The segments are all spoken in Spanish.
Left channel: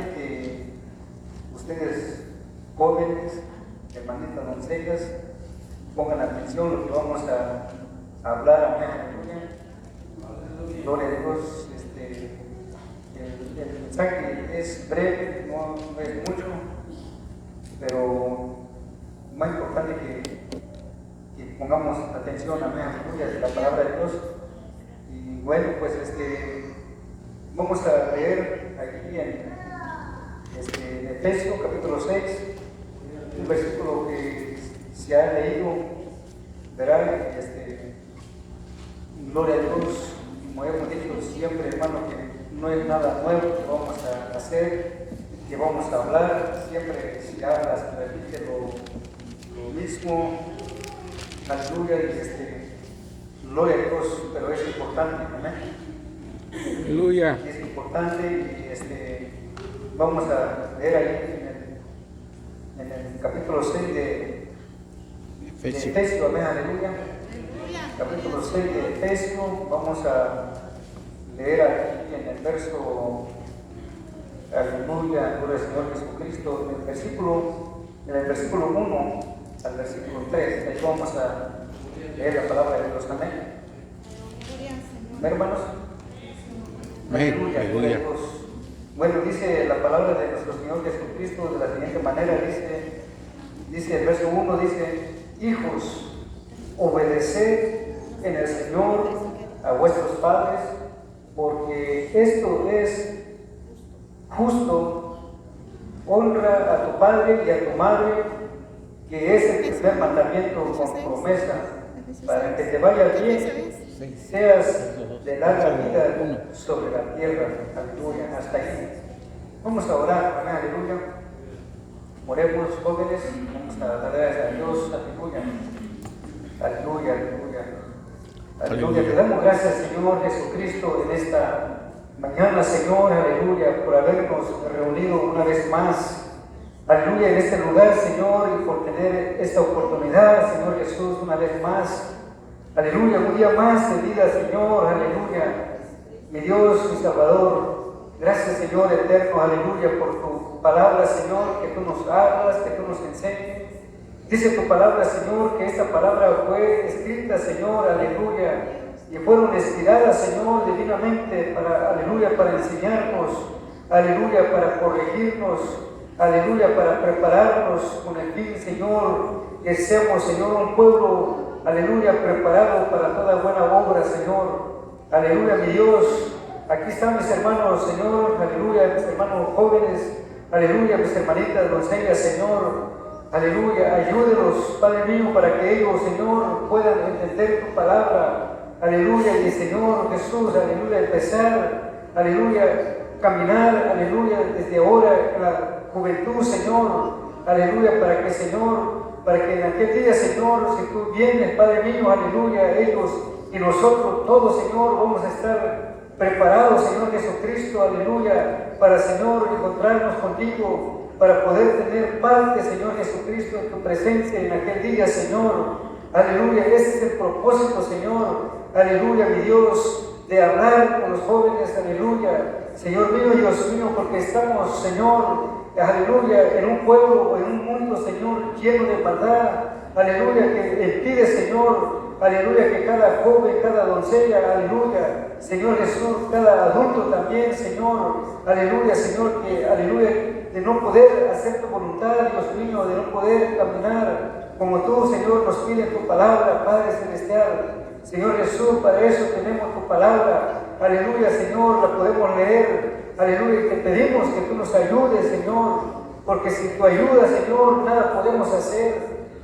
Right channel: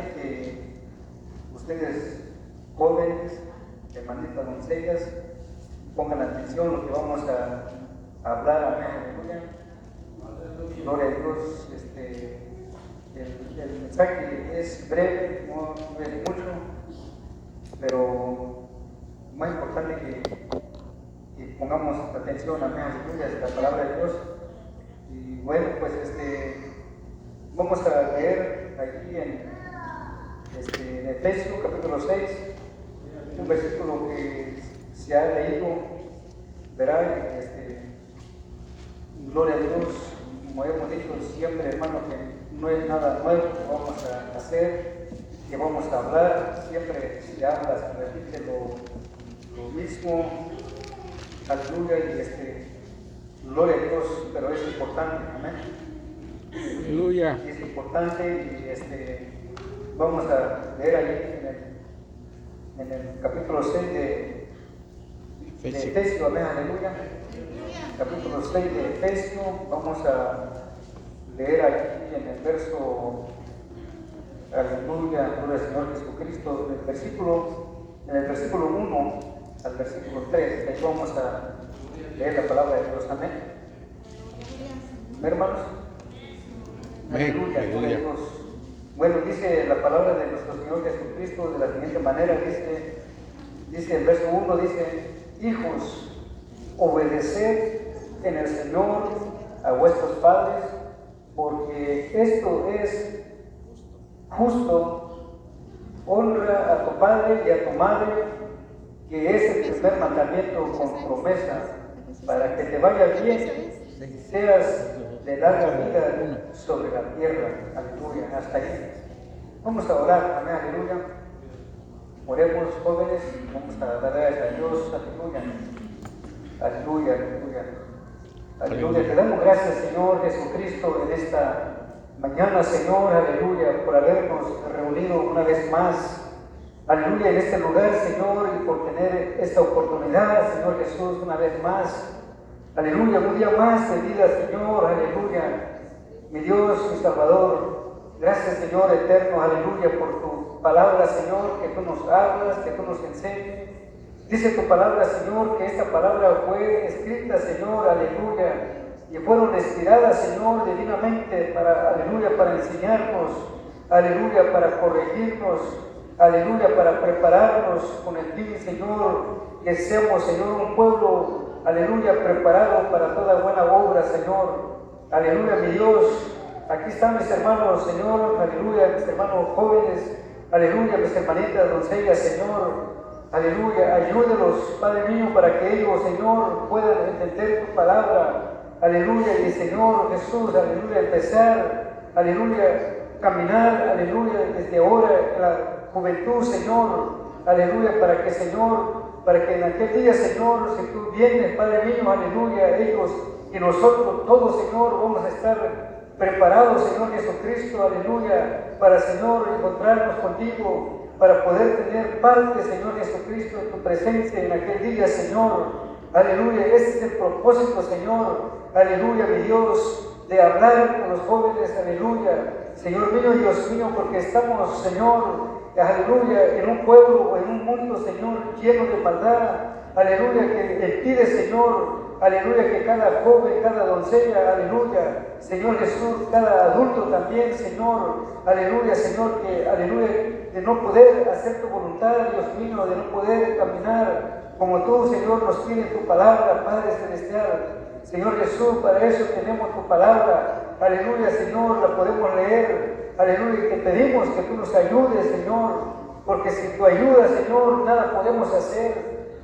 importante que ustedes, jóvenes, hermanitas, doncellas, pongan atención a lo que vamos a hablar. Amén, aleluya. Gloria a Dios. El mensaje es breve, no es mucho, pero más importante que pongamos atención, amén, aleluya, a la palabra de Dios. Y bueno, pues vamos a leer aquí en Efesios capítulo 6, un versículo que se ha leído, verá, gloria a Dios, como hemos dicho siempre, hermano, que no es nada nuevo que vamos a hacer, que vamos a hablar, siempre se habla, se repite lo mismo, aleluya, y gloria a Dios, pero es importante, amén. Aleluya. Es importante y vamos a leer ahí en el capítulo 6 de Efesios, amén, aleluya. Capítulo 6 de Efesios, vamos a leer aquí en el verso, aleluya, gloria al Señor Jesucristo, en el versículo 1 al versículo 3, ahí vamos a leer la palabra de Dios, amén. Hermanos, aleluya, gloria a Dios. Bueno, dice la palabra de nuestro Señor Jesucristo de la siguiente manera, dice el verso 1, dice: hijos, obedeced en el Señor a vuestros padres, porque esto es justo. Honra a tu padre y a tu madre, que es el primer mandamiento con promesa, para que te vaya bien y seas de larga vida sobre la tierra. Aleluya. Hasta ahí. Vamos a orar. Amén. Aleluya. Oremos, jóvenes. Vamos a dar gracias a Dios. Aleluya. Aleluya. Aleluya. Aleluya. Te damos gracias, Señor Jesucristo, en esta mañana, Señor, aleluya, por habernos reunido una vez más, aleluya, en este lugar, Señor, y por tener esta oportunidad, Señor Jesús, una vez más, aleluya, un día más de vida, Señor, aleluya, mi Dios, mi Salvador, gracias, Señor eterno, aleluya, por tu palabra, Señor, que tú nos hablas, que tú nos enseñes. Dice tu palabra, Señor, que esta palabra fue escrita, Señor, aleluya, y fueron inspiradas, Señor, divinamente para, aleluya, para enseñarnos, aleluya, para corregirnos, aleluya, para prepararnos con el fin, Señor, que seamos, Señor, un pueblo, aleluya, preparado para toda buena obra, Señor, aleluya, mi Dios. Aquí están mis hermanos, Señor, aleluya, mis hermanos jóvenes, aleluya, mis hermanitas doncellas, Señor, aleluya, ayúdenos, Padre mío, para que ellos, Señor, puedan entender tu palabra. Aleluya, y Señor Jesús, aleluya, empezar, aleluya, caminar, aleluya, desde ahora, la juventud, Señor, aleluya, para que, Señor, para que en aquel día, Señor, si tú vienes, Padre mío, aleluya, ellos y nosotros, todos, Señor, vamos a estar preparados, Señor Jesucristo, aleluya, para, Señor, encontrarnos contigo, para poder tener parte, Señor Jesucristo, en tu presencia en aquel día, Señor. Aleluya, ese es el propósito, Señor, aleluya, mi Dios, de hablar con los jóvenes, aleluya, Señor mío, Dios mío, porque estamos, Señor, aleluya, en un pueblo, en un mundo, Señor, lleno de maldad, aleluya, que impide, Señor, aleluya, que cada joven, cada doncella, aleluya, Señor Jesús, cada adulto también, Señor, aleluya, Señor, que, aleluya, de no poder hacer tu voluntad, Dios mío, de no poder caminar como tú, Señor, nos pide tu palabra, Padre Celestial. Señor Jesús, para eso tenemos tu palabra. Aleluya, Señor, la podemos leer. Aleluya, y te pedimos que tú nos ayudes, Señor, porque sin tu ayuda, Señor, nada podemos hacer.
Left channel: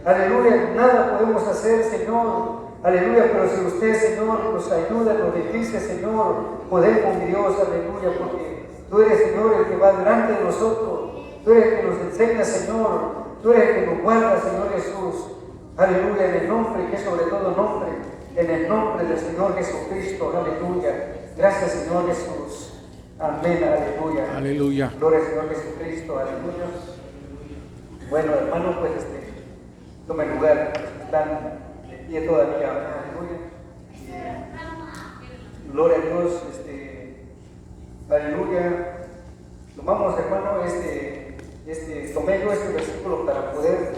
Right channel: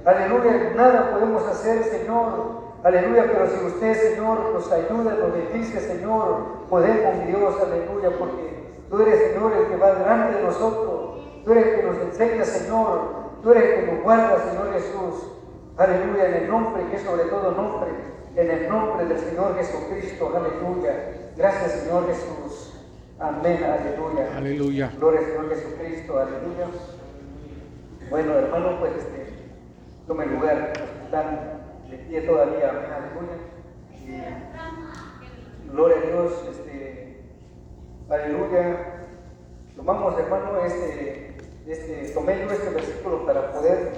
Aleluya, nada podemos hacer, Señor. Aleluya, pero si usted, Señor, nos ayuda, nos bendice, Señor, podemos, mi Dios, aleluya, porque tú eres, Señor, el que va delante de nosotros. Tú eres el que nos enseña, Señor. Tú eres el que nos guarda, Señor Jesús. Aleluya, en el nombre que es sobre todo nombre, en el nombre del Señor Jesucristo. Aleluya. Gracias, Señor Jesús. Amén. Aleluya. Aleluya. Gloria al Señor Jesucristo. Aleluya. Bueno, hermanos, pues tomen lugar. Están de pie todavía. Aleluya. Gloria a Dios. Aleluya. Tomamos, hermanos, tomé yo este versículo para poder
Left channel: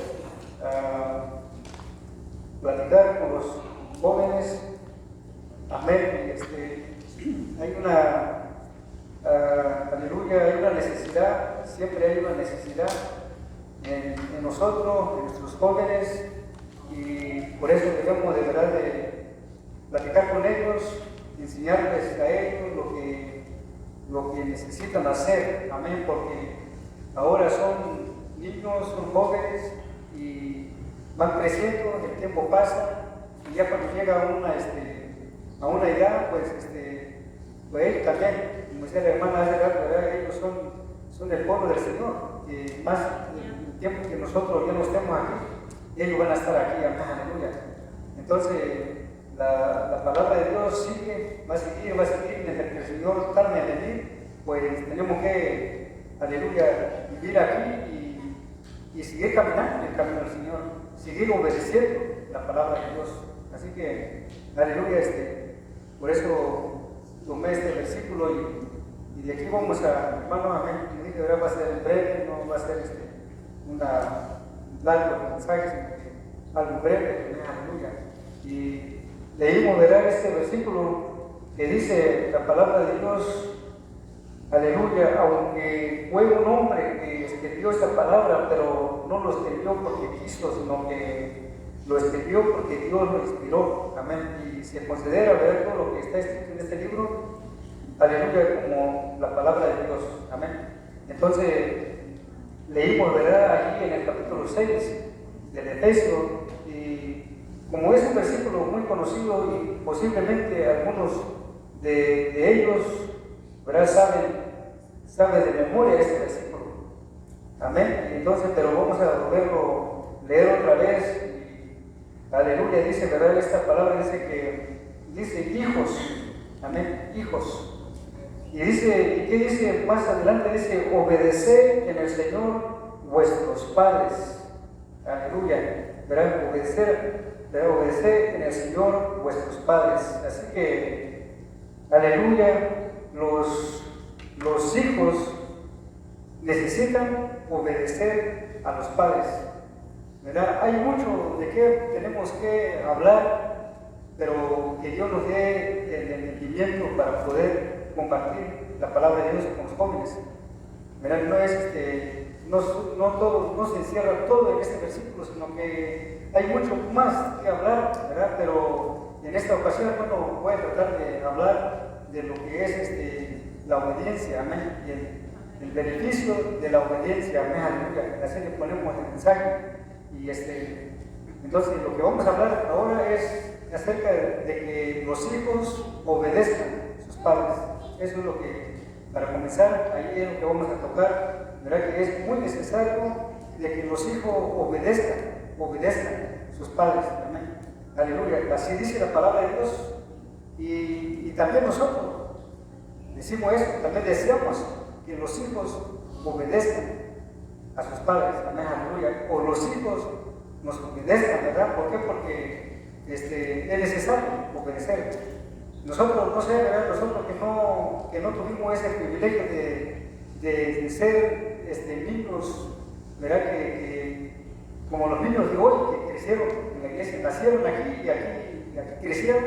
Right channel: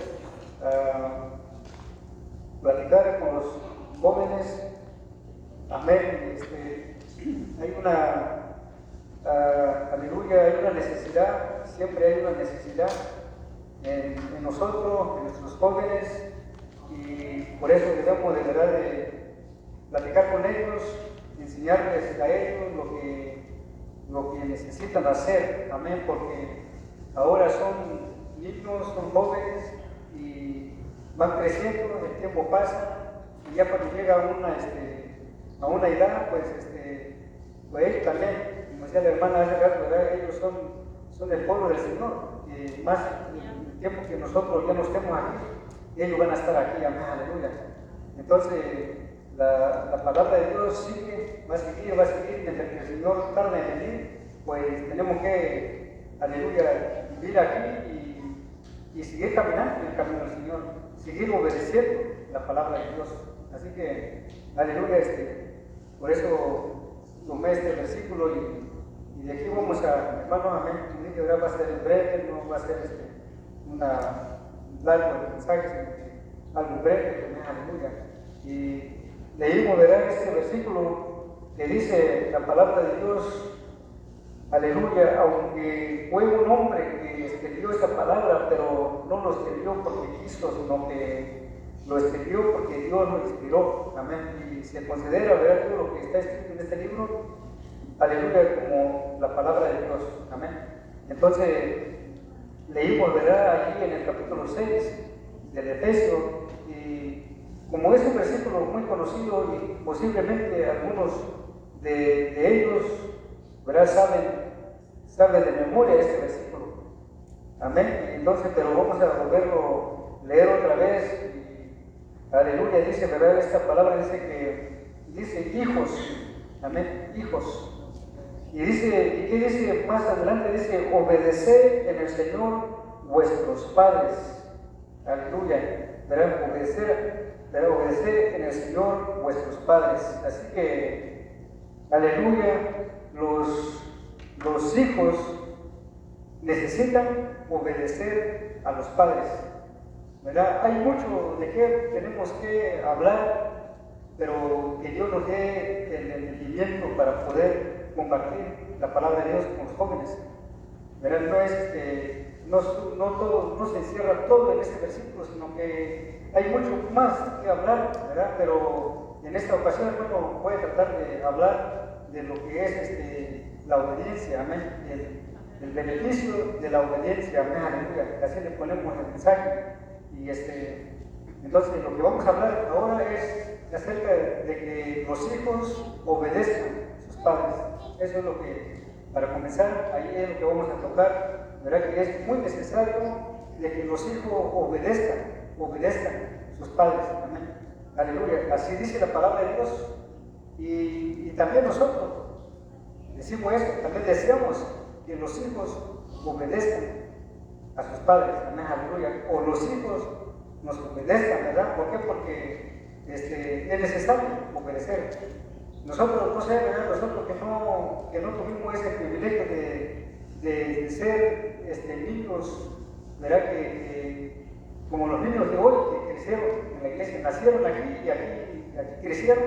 platicar con los jóvenes. Amén. Hay una, aleluya, hay una necesidad, siempre hay una necesidad en nosotros, en nuestros jóvenes, y por eso debemos de verdad de platicar con ellos, enseñarles a ellos lo que necesitan hacer. Amén, porque ahora son niños, son jóvenes y van creciendo, el tiempo pasa y ya cuando llega a una edad, pues ellos también, como decía la hermana hace rato, ellos son del pueblo del Señor, que más el tiempo que nosotros ya no estemos aquí, ellos van a estar aquí. Amén, aleluya. Entonces la palabra de Dios sigue, va a seguir, mientras que el Señor tarde en venir, pues tenemos que, aleluya, vivir aquí y seguir caminando en el camino del Señor, seguir obedeciendo la palabra de Dios. Así que, aleluya, por eso tomé este versículo y de aquí vamos a, hermano, amén, que ahora va a ser breve, no va a ser un largo mensaje, sino que algo breve, aleluya. Y leímos, ¿verdad?, este versículo que dice la palabra de Dios, aleluya, aunque fue un hombre que escribió esta palabra, pero no lo escribió porque quiso, sino que lo escribió porque Dios lo inspiró. Amén. Y se considera, ¿verdad?, todo lo que está escrito en este libro, aleluya, como la palabra de Dios. Amén. Entonces, leímos, ¿verdad?, allí en el capítulo 6 del Efesio, y como es un versículo muy conocido y posiblemente algunos de ellos, ¿verdad?, saben de memoria este versículo. Amén. Entonces, pero vamos a volverlo a leer otra vez. Y, aleluya, dice, ¿verdad?, esta palabra dice hijos. Amén, hijos. Y dice, ¿y qué dice más adelante? Dice, obedeced en el Señor vuestros padres. Aleluya. ¿Verdad? Obedecer en el Señor vuestros padres. Así que, aleluya, los hijos necesitan obedecer a los padres. ¿Verdad? Hay mucho de qué tenemos que hablar, pero que Dios nos dé el entendimiento para poder compartir la palabra de Dios con los jóvenes. ¿Verdad? No se encierra todo en este versículo, sino que hay mucho más que hablar, ¿verdad? Pero en esta ocasión uno puede tratar de hablar de lo que es la obediencia. Amén. El beneficio de la obediencia. Amén. Aleluya. Así le ponemos el mensaje. Y entonces lo que vamos a hablar ahora es acerca de que los hijos obedezcan a sus padres. Eso es lo que, para comenzar, ahí es lo que vamos a tocar. ¿Verdad? Que es muy necesario de que los hijos obedezcan a sus padres. Amén. Aleluya. Así dice la palabra de Dios. Y también nosotros decimos eso, también deseamos que los hijos obedezcan a sus padres. Amén. Aleluya. O los hijos nos obedezcan, ¿verdad? ¿Por qué? Porque es necesario obedecer. Nosotros, no sé, ¿verdad?, nosotros que no tuvimos ese privilegio de ser niños, ¿verdad?, que como los niños de hoy que crecieron en la iglesia, nacieron aquí y aquí crecieron.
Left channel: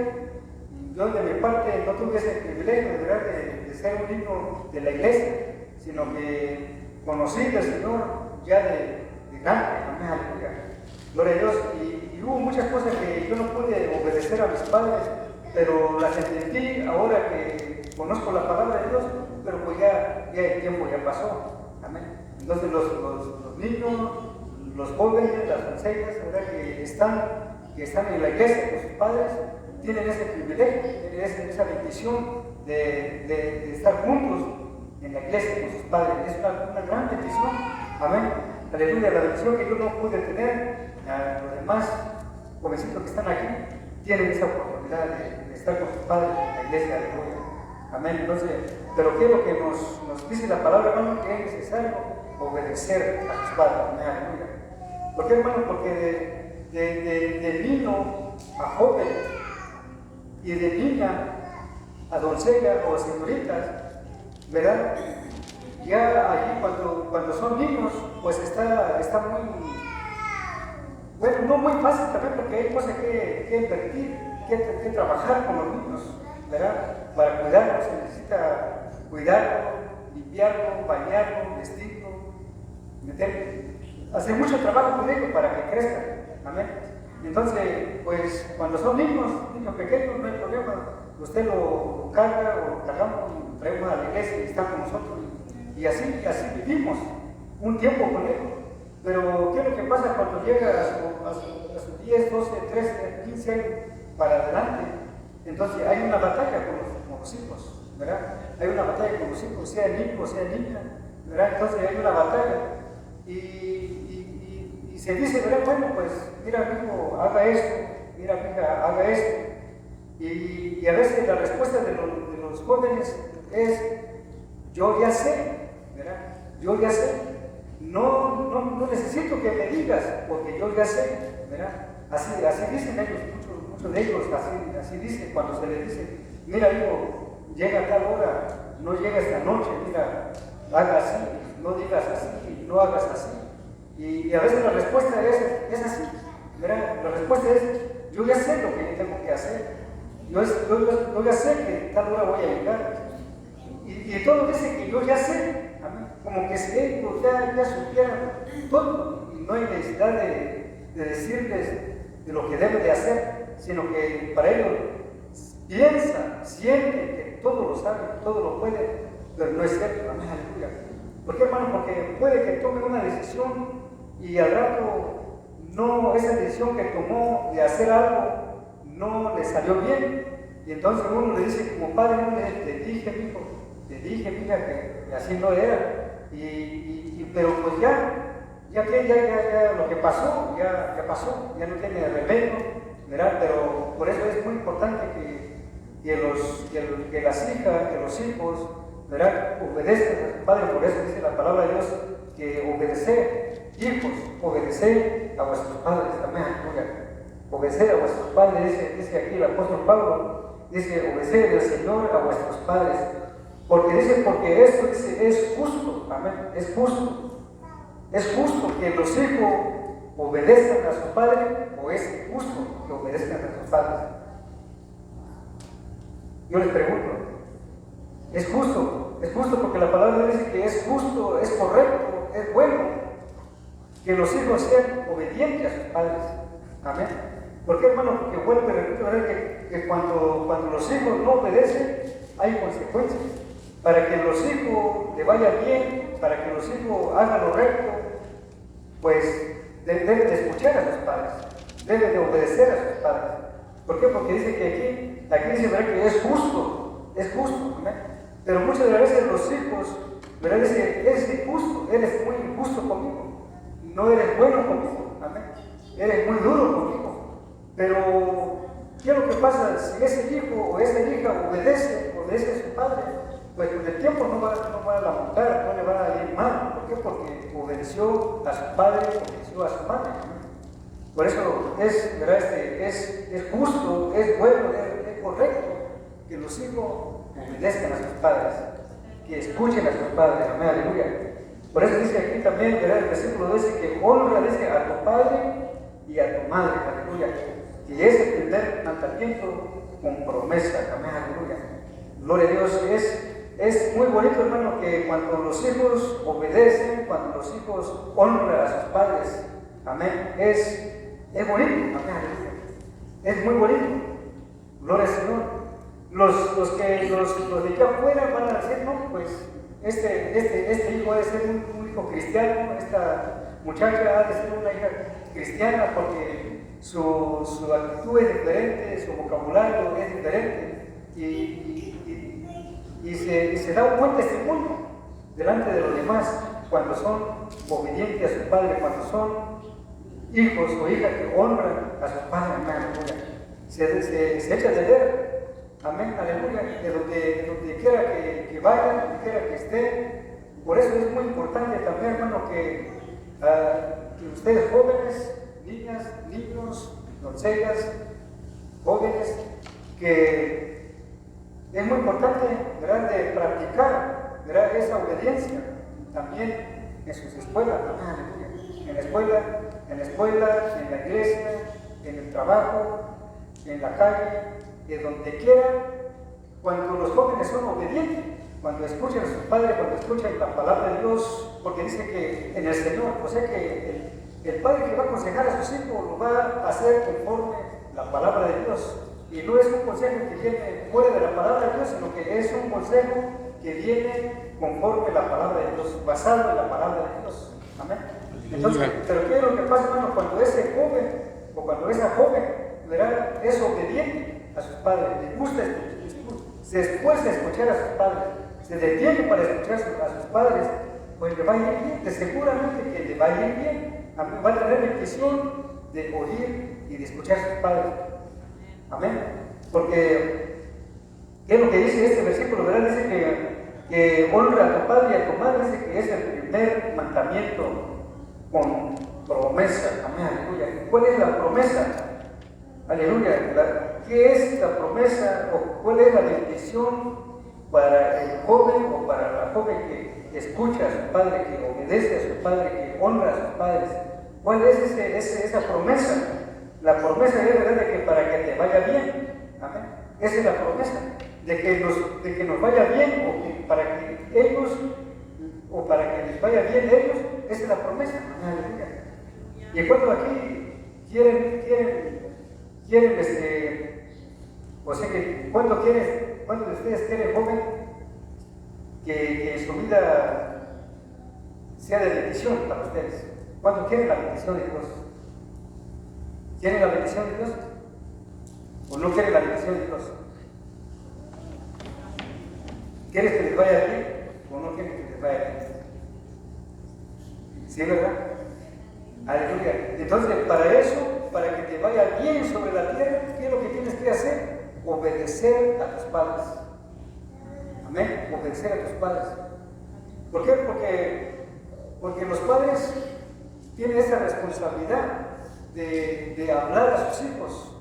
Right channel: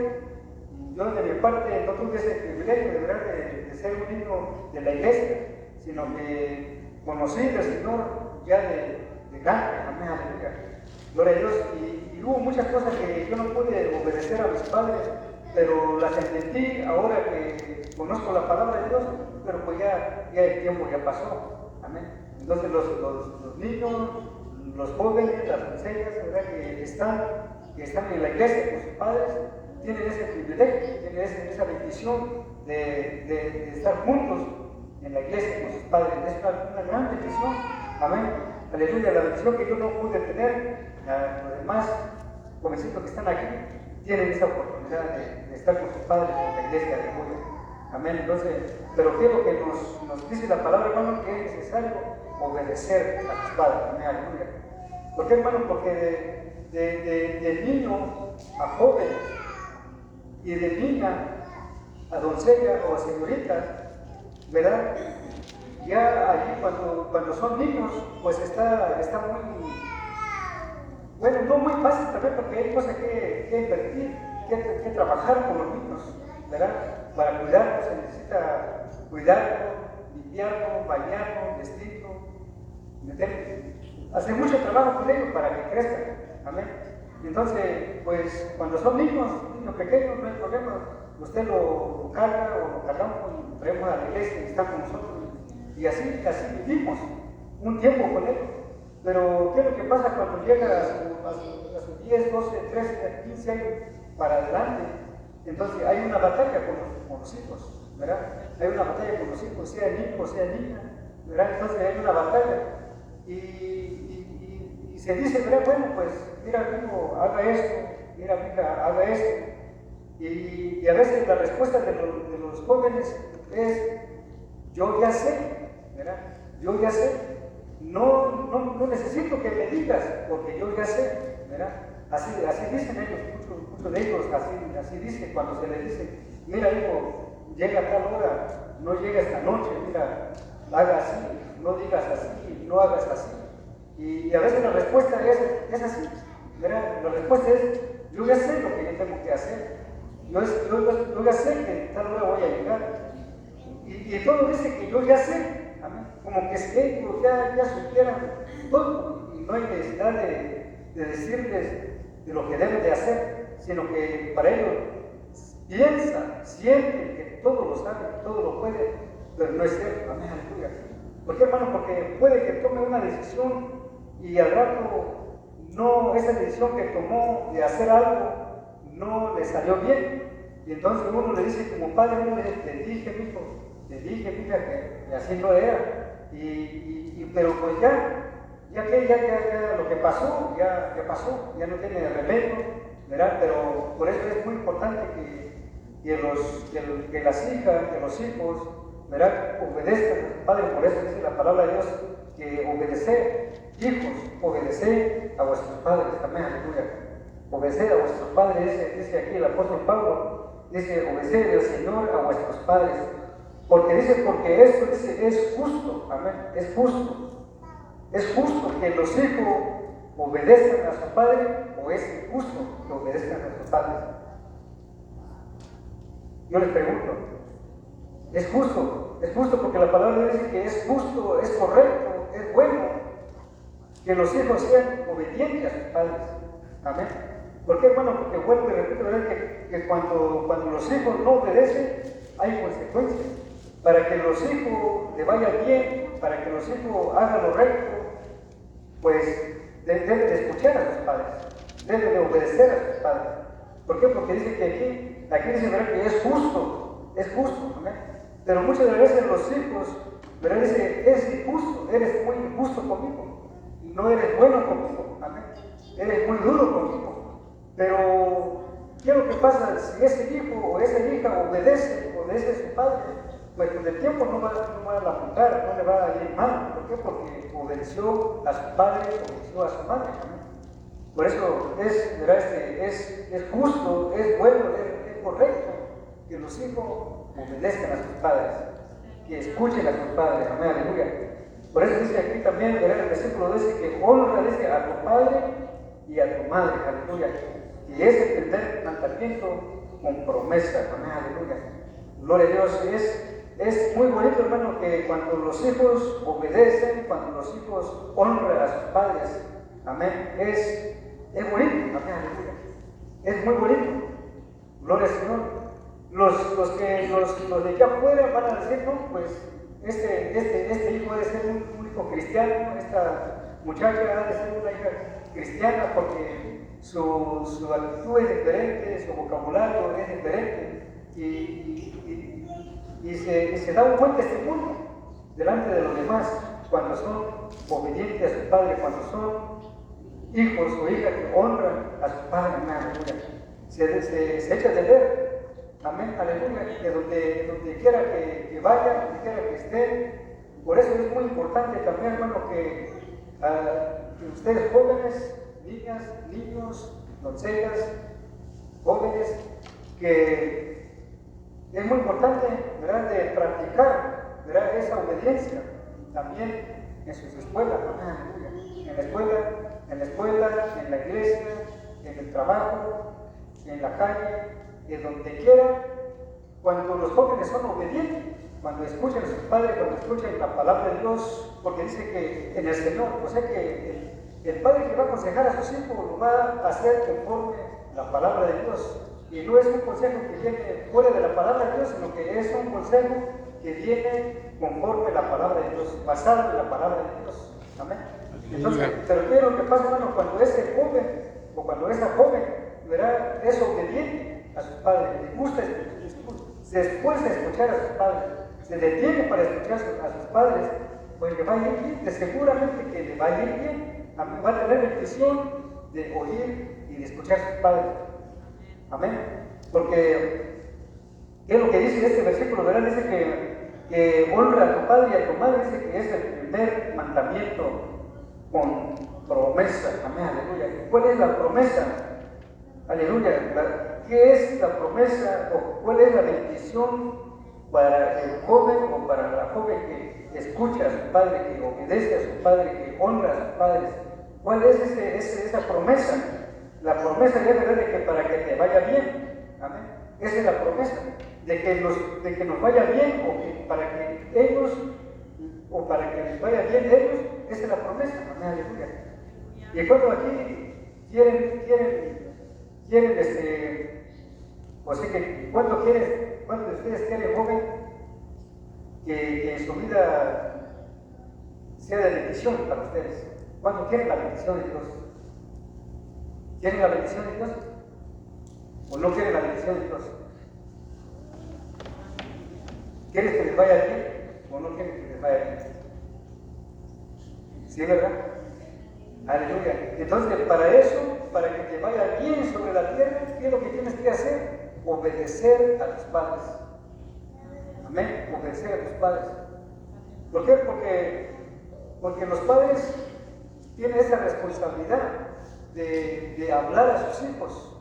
Y yo de mi parte no tuve ese privilegio, ¿verdad?, de ser un niño de la iglesia, sino que conocí del Señor ya de grande. Amén, aleluya. Gloria a Dios. Y hubo muchas cosas que yo no pude obedecer a mis padres, pero las entendí ahora que conozco la palabra de Dios, pero pues ya el tiempo ya pasó. Amén. Entonces los niños, los jóvenes, las doncellas, ¿verdad?, que están en la iglesia con sus padres, tienen ese privilegio, tienen esa bendición de estar juntos en la iglesia con sus padres. Es una gran bendición. Amén. Aleluya. La bendición que yo no pude tener, los demás jovencitos que están aquí tienen esa oportunidad de estar con sus padres en la iglesia de hoy. Amén. Entonces, pero quiero que nos dice la palabra, hermano, que es necesario obedecer a sus padres. Amén. Aleluya. ¿Por qué, hermano? Porque de niño a joven y de niña a doncella o señoritas, ¿verdad? Ya allí cuando cuando son niños, pues está muy, bueno, no muy fácil también, porque hay cosas que invertir, que trabajar con los niños, ¿verdad? Para cuidarlos se necesita cuidarlo, limpiarlo, bañarlo, vestirlo, hacer mucho trabajo con ellos para que crezcan. Amén. Entonces, pues cuando son niños pequeños, no hay problema. Usted lo carga o lo cargamos y lo traemos a la iglesia y está con nosotros. Y así vivimos un tiempo con él. Pero, ¿qué es lo que pasa cuando llega a sus 10, 12, 13, 15 años para adelante? Entonces, hay una batalla con los hijos, ¿verdad? Hay una batalla con los hijos, sea niño o sea niña, ¿verdad? Entonces, hay una batalla. Y se dice, ¿verdad? Bueno, pues, mira, hijo, haga esto, mira, hija, haga esto. Y a veces la respuesta de los jóvenes es, yo ya sé, ¿verdad? Yo ya sé. No necesito que me digas, porque yo ya sé, ¿verdad? Así dicen ellos, muchos de ellos, así dicen cuando se les dice, mira hijo, llega a tal hora, no llega esta noche, mira, haga así, no digas así, no hagas así. Y a veces la respuesta es así, ¿verdad? La respuesta es, yo ya sé lo que yo tengo que hacer, yo ya sé que tal hora voy a llegar. Y todo dice que yo ya sé, como que si ellos ya supieran todo y no hay necesidad de decirles de lo que deben de hacer, sino que para ellos piensan, sienten que todo lo saben, todo lo pueden, pero no es cierto. Amén, aleluya. ¿Por qué, hermano? Porque puede que tome una decisión y al rato esa decisión que tomó de hacer algo no le salió bien, y entonces uno le dice como padre, no te dije, mi hijo, te dije, mija, que así no era. Pero pues ya lo que pasó, ya pasó, ya no tiene remedio, ¿verdad? Pero por eso es muy importante que las hijas, que los hijos, ¿verdad? Obedezcan a sus padres. Por eso dice la palabra de Dios que obedecer, hijos, obedecer a vuestros padres. Amén, aleluya. Obedecer a vuestros padres, dice aquí el apóstol Pablo, dice obedecer al Señor a vuestros padres. Porque esto es justo, amén, es justo. Es justo que los hijos obedezcan a su padre, o es injusto que obedezcan a sus padres. Yo les pregunto, ¿es justo porque la palabra dice que es justo, es correcto, es bueno que los hijos sean obedientes a sus padres? Amén. ¿Por qué, hermano? Porque vuelvo y repito, ¿verdad? Que cuando los hijos no obedecen, hay consecuencias. Para que los hijos le vayan bien, para que los hijos hagan lo recto, pues deben de escuchar a sus padres, deben de obedecer a sus padres. ¿Por qué? Porque dice que aquí dice, ¿verdad? Que es justo, ¿verdad? Pero muchas de las veces los hijos, ¿verdad? Dice, eres injusto, eres muy injusto conmigo, no eres bueno conmigo, amén, eres muy duro conmigo. Pero, ¿qué es lo que pasa? Si ese hijo o esa hija obedece a su padre, pues con el tiempo no va a lamentar, no le va a ir mal. ¿Por qué? Porque obedeció a su padre, obedeció a su madre. Por eso ¿verdad? Es justo, es bueno, es correcto que los hijos obedezcan a sus padres, que escuchen a sus padres. Amén, aleluya. Por eso dice aquí también, ¿verdad? El versículo dice que honra a tu padre y a tu madre, aleluya. Y es el primer mandamiento con promesa. Amén, aleluya. Gloria a Dios. Es muy bonito, hermano, que cuando los hijos obedecen, cuando los hijos honran a sus padres, amén, es bonito, amén, aleluya. Es muy bonito. Gloria al Señor. Los de aquí afuera van a decir, no, pues este hijo ha de ser un hijo cristiano, esta muchacha ha de ser una hija cristiana porque su actitud es diferente, su vocabulario es diferente. Y se da un buen testimonio delante de los demás cuando son obedientes a su padre, cuando son hijos o hijas que honran a su padre. Amén, aleluya. Se echa de ver, amén, aleluya, de donde quiera que vayan, donde quiera que estén. Por eso es muy importante también, hermano, que ustedes jóvenes, niñas, niños, doncellas, jóvenes, que es muy importante, ¿verdad?, de practicar, ¿verdad?, esa obediencia. También en sus escuelas, amén, en la escuela, en la iglesia, en el trabajo, en la calle, en donde quiera, cuando los jóvenes son obedientes, cuando escuchan a sus padres, cuando escuchan la palabra de Dios, porque dice que en el Señor, o sea que el padre que va a aconsejar a sus hijos lo va a hacer conforme la palabra de Dios. Y no es un consejo que viene fuera de la palabra de Dios, sino que es un consejo que viene conforme la palabra de Dios, basado en la palabra de Dios. Amén. Entonces, pero ¿qué es lo que pasa, hermano? Cuando ese joven o cuando esa joven, ¿verdad?, es obediente a sus padres, le gusta se esfuerza a escuchar a sus padres, se detiene para escuchar a sus padres, pues le va a ir bien, de seguramente que le va a ir bien. Amén. Va a tener la intención de oír y de escuchar a sus padres. Amén. Porque, ¿qué es lo que dice este versículo? ¿Verdad? Dice que honra a tu padre y a tu madre, dice que es el primer mandamiento con promesa. Amén, aleluya. ¿Cuál es la promesa? Aleluya. ¿Qué es la promesa o cuál es la bendición para el joven o para la joven que escucha a su padre, que obedece a su padre, que honra a sus padres? ¿Cuál es esa promesa? La promesa es, ¿verdad?, de que para que te vaya bien. Amén. Esa es la promesa. De que nos vaya bien, o que para que ellos, o para que les vaya bien ellos, esa es la promesa. Amén. Aleluya. Y cuando aquí quieren, o sea que cuando de ustedes quieren, joven, que en su vida sea de bendición para ustedes. ¿Cuánto quieren la bendición de Dios? ¿Quieren la bendición de Dios? ¿O no quieren la bendición de Dios? ¿Quieren que les vaya bien o no quieren que les vaya bien? ¿Sí, verdad? Aleluya. Entonces, para eso, para que te vaya bien sobre la tierra, ¿qué es lo que tienes que hacer? Obedecer a tus padres. Amén. Obedecer a tus padres. ¿Por qué? Porque los padres tienen esa responsabilidad de hablar a sus hijos.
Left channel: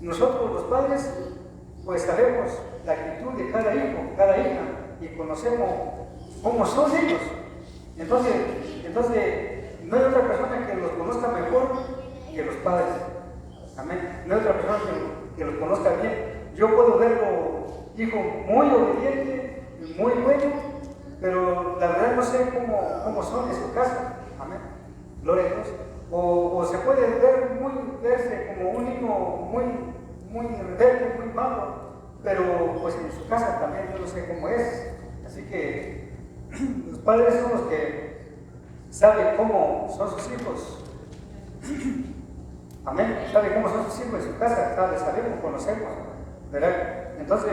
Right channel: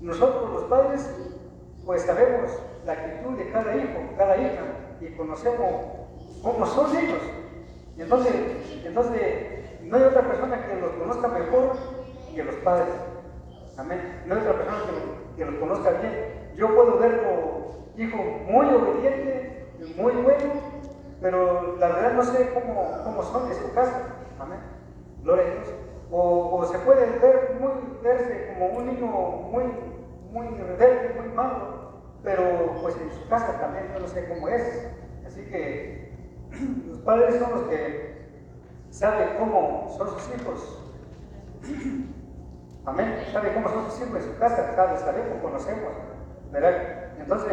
Nosotros los padres pues sabemos la actitud de cada hijo, cada hija, y conocemos cómo son ellos. Entonces no hay otra persona que los conozca mejor que los padres. Amén. No hay otra persona que los conozca bien. Yo puedo verlo, hijo muy obediente, muy bueno, pero la verdad no sé cómo son de su casa. Amén. Gloria a Dios. O se puede verse como un niño muy rebelde, muy malo, pero pues en su casa también yo no sé cómo es. Así que los padres son los que saben cómo son sus hijos. Amén. Saben cómo son sus hijos en su casa, sabemos, conocemos, ¿verdad? Entonces,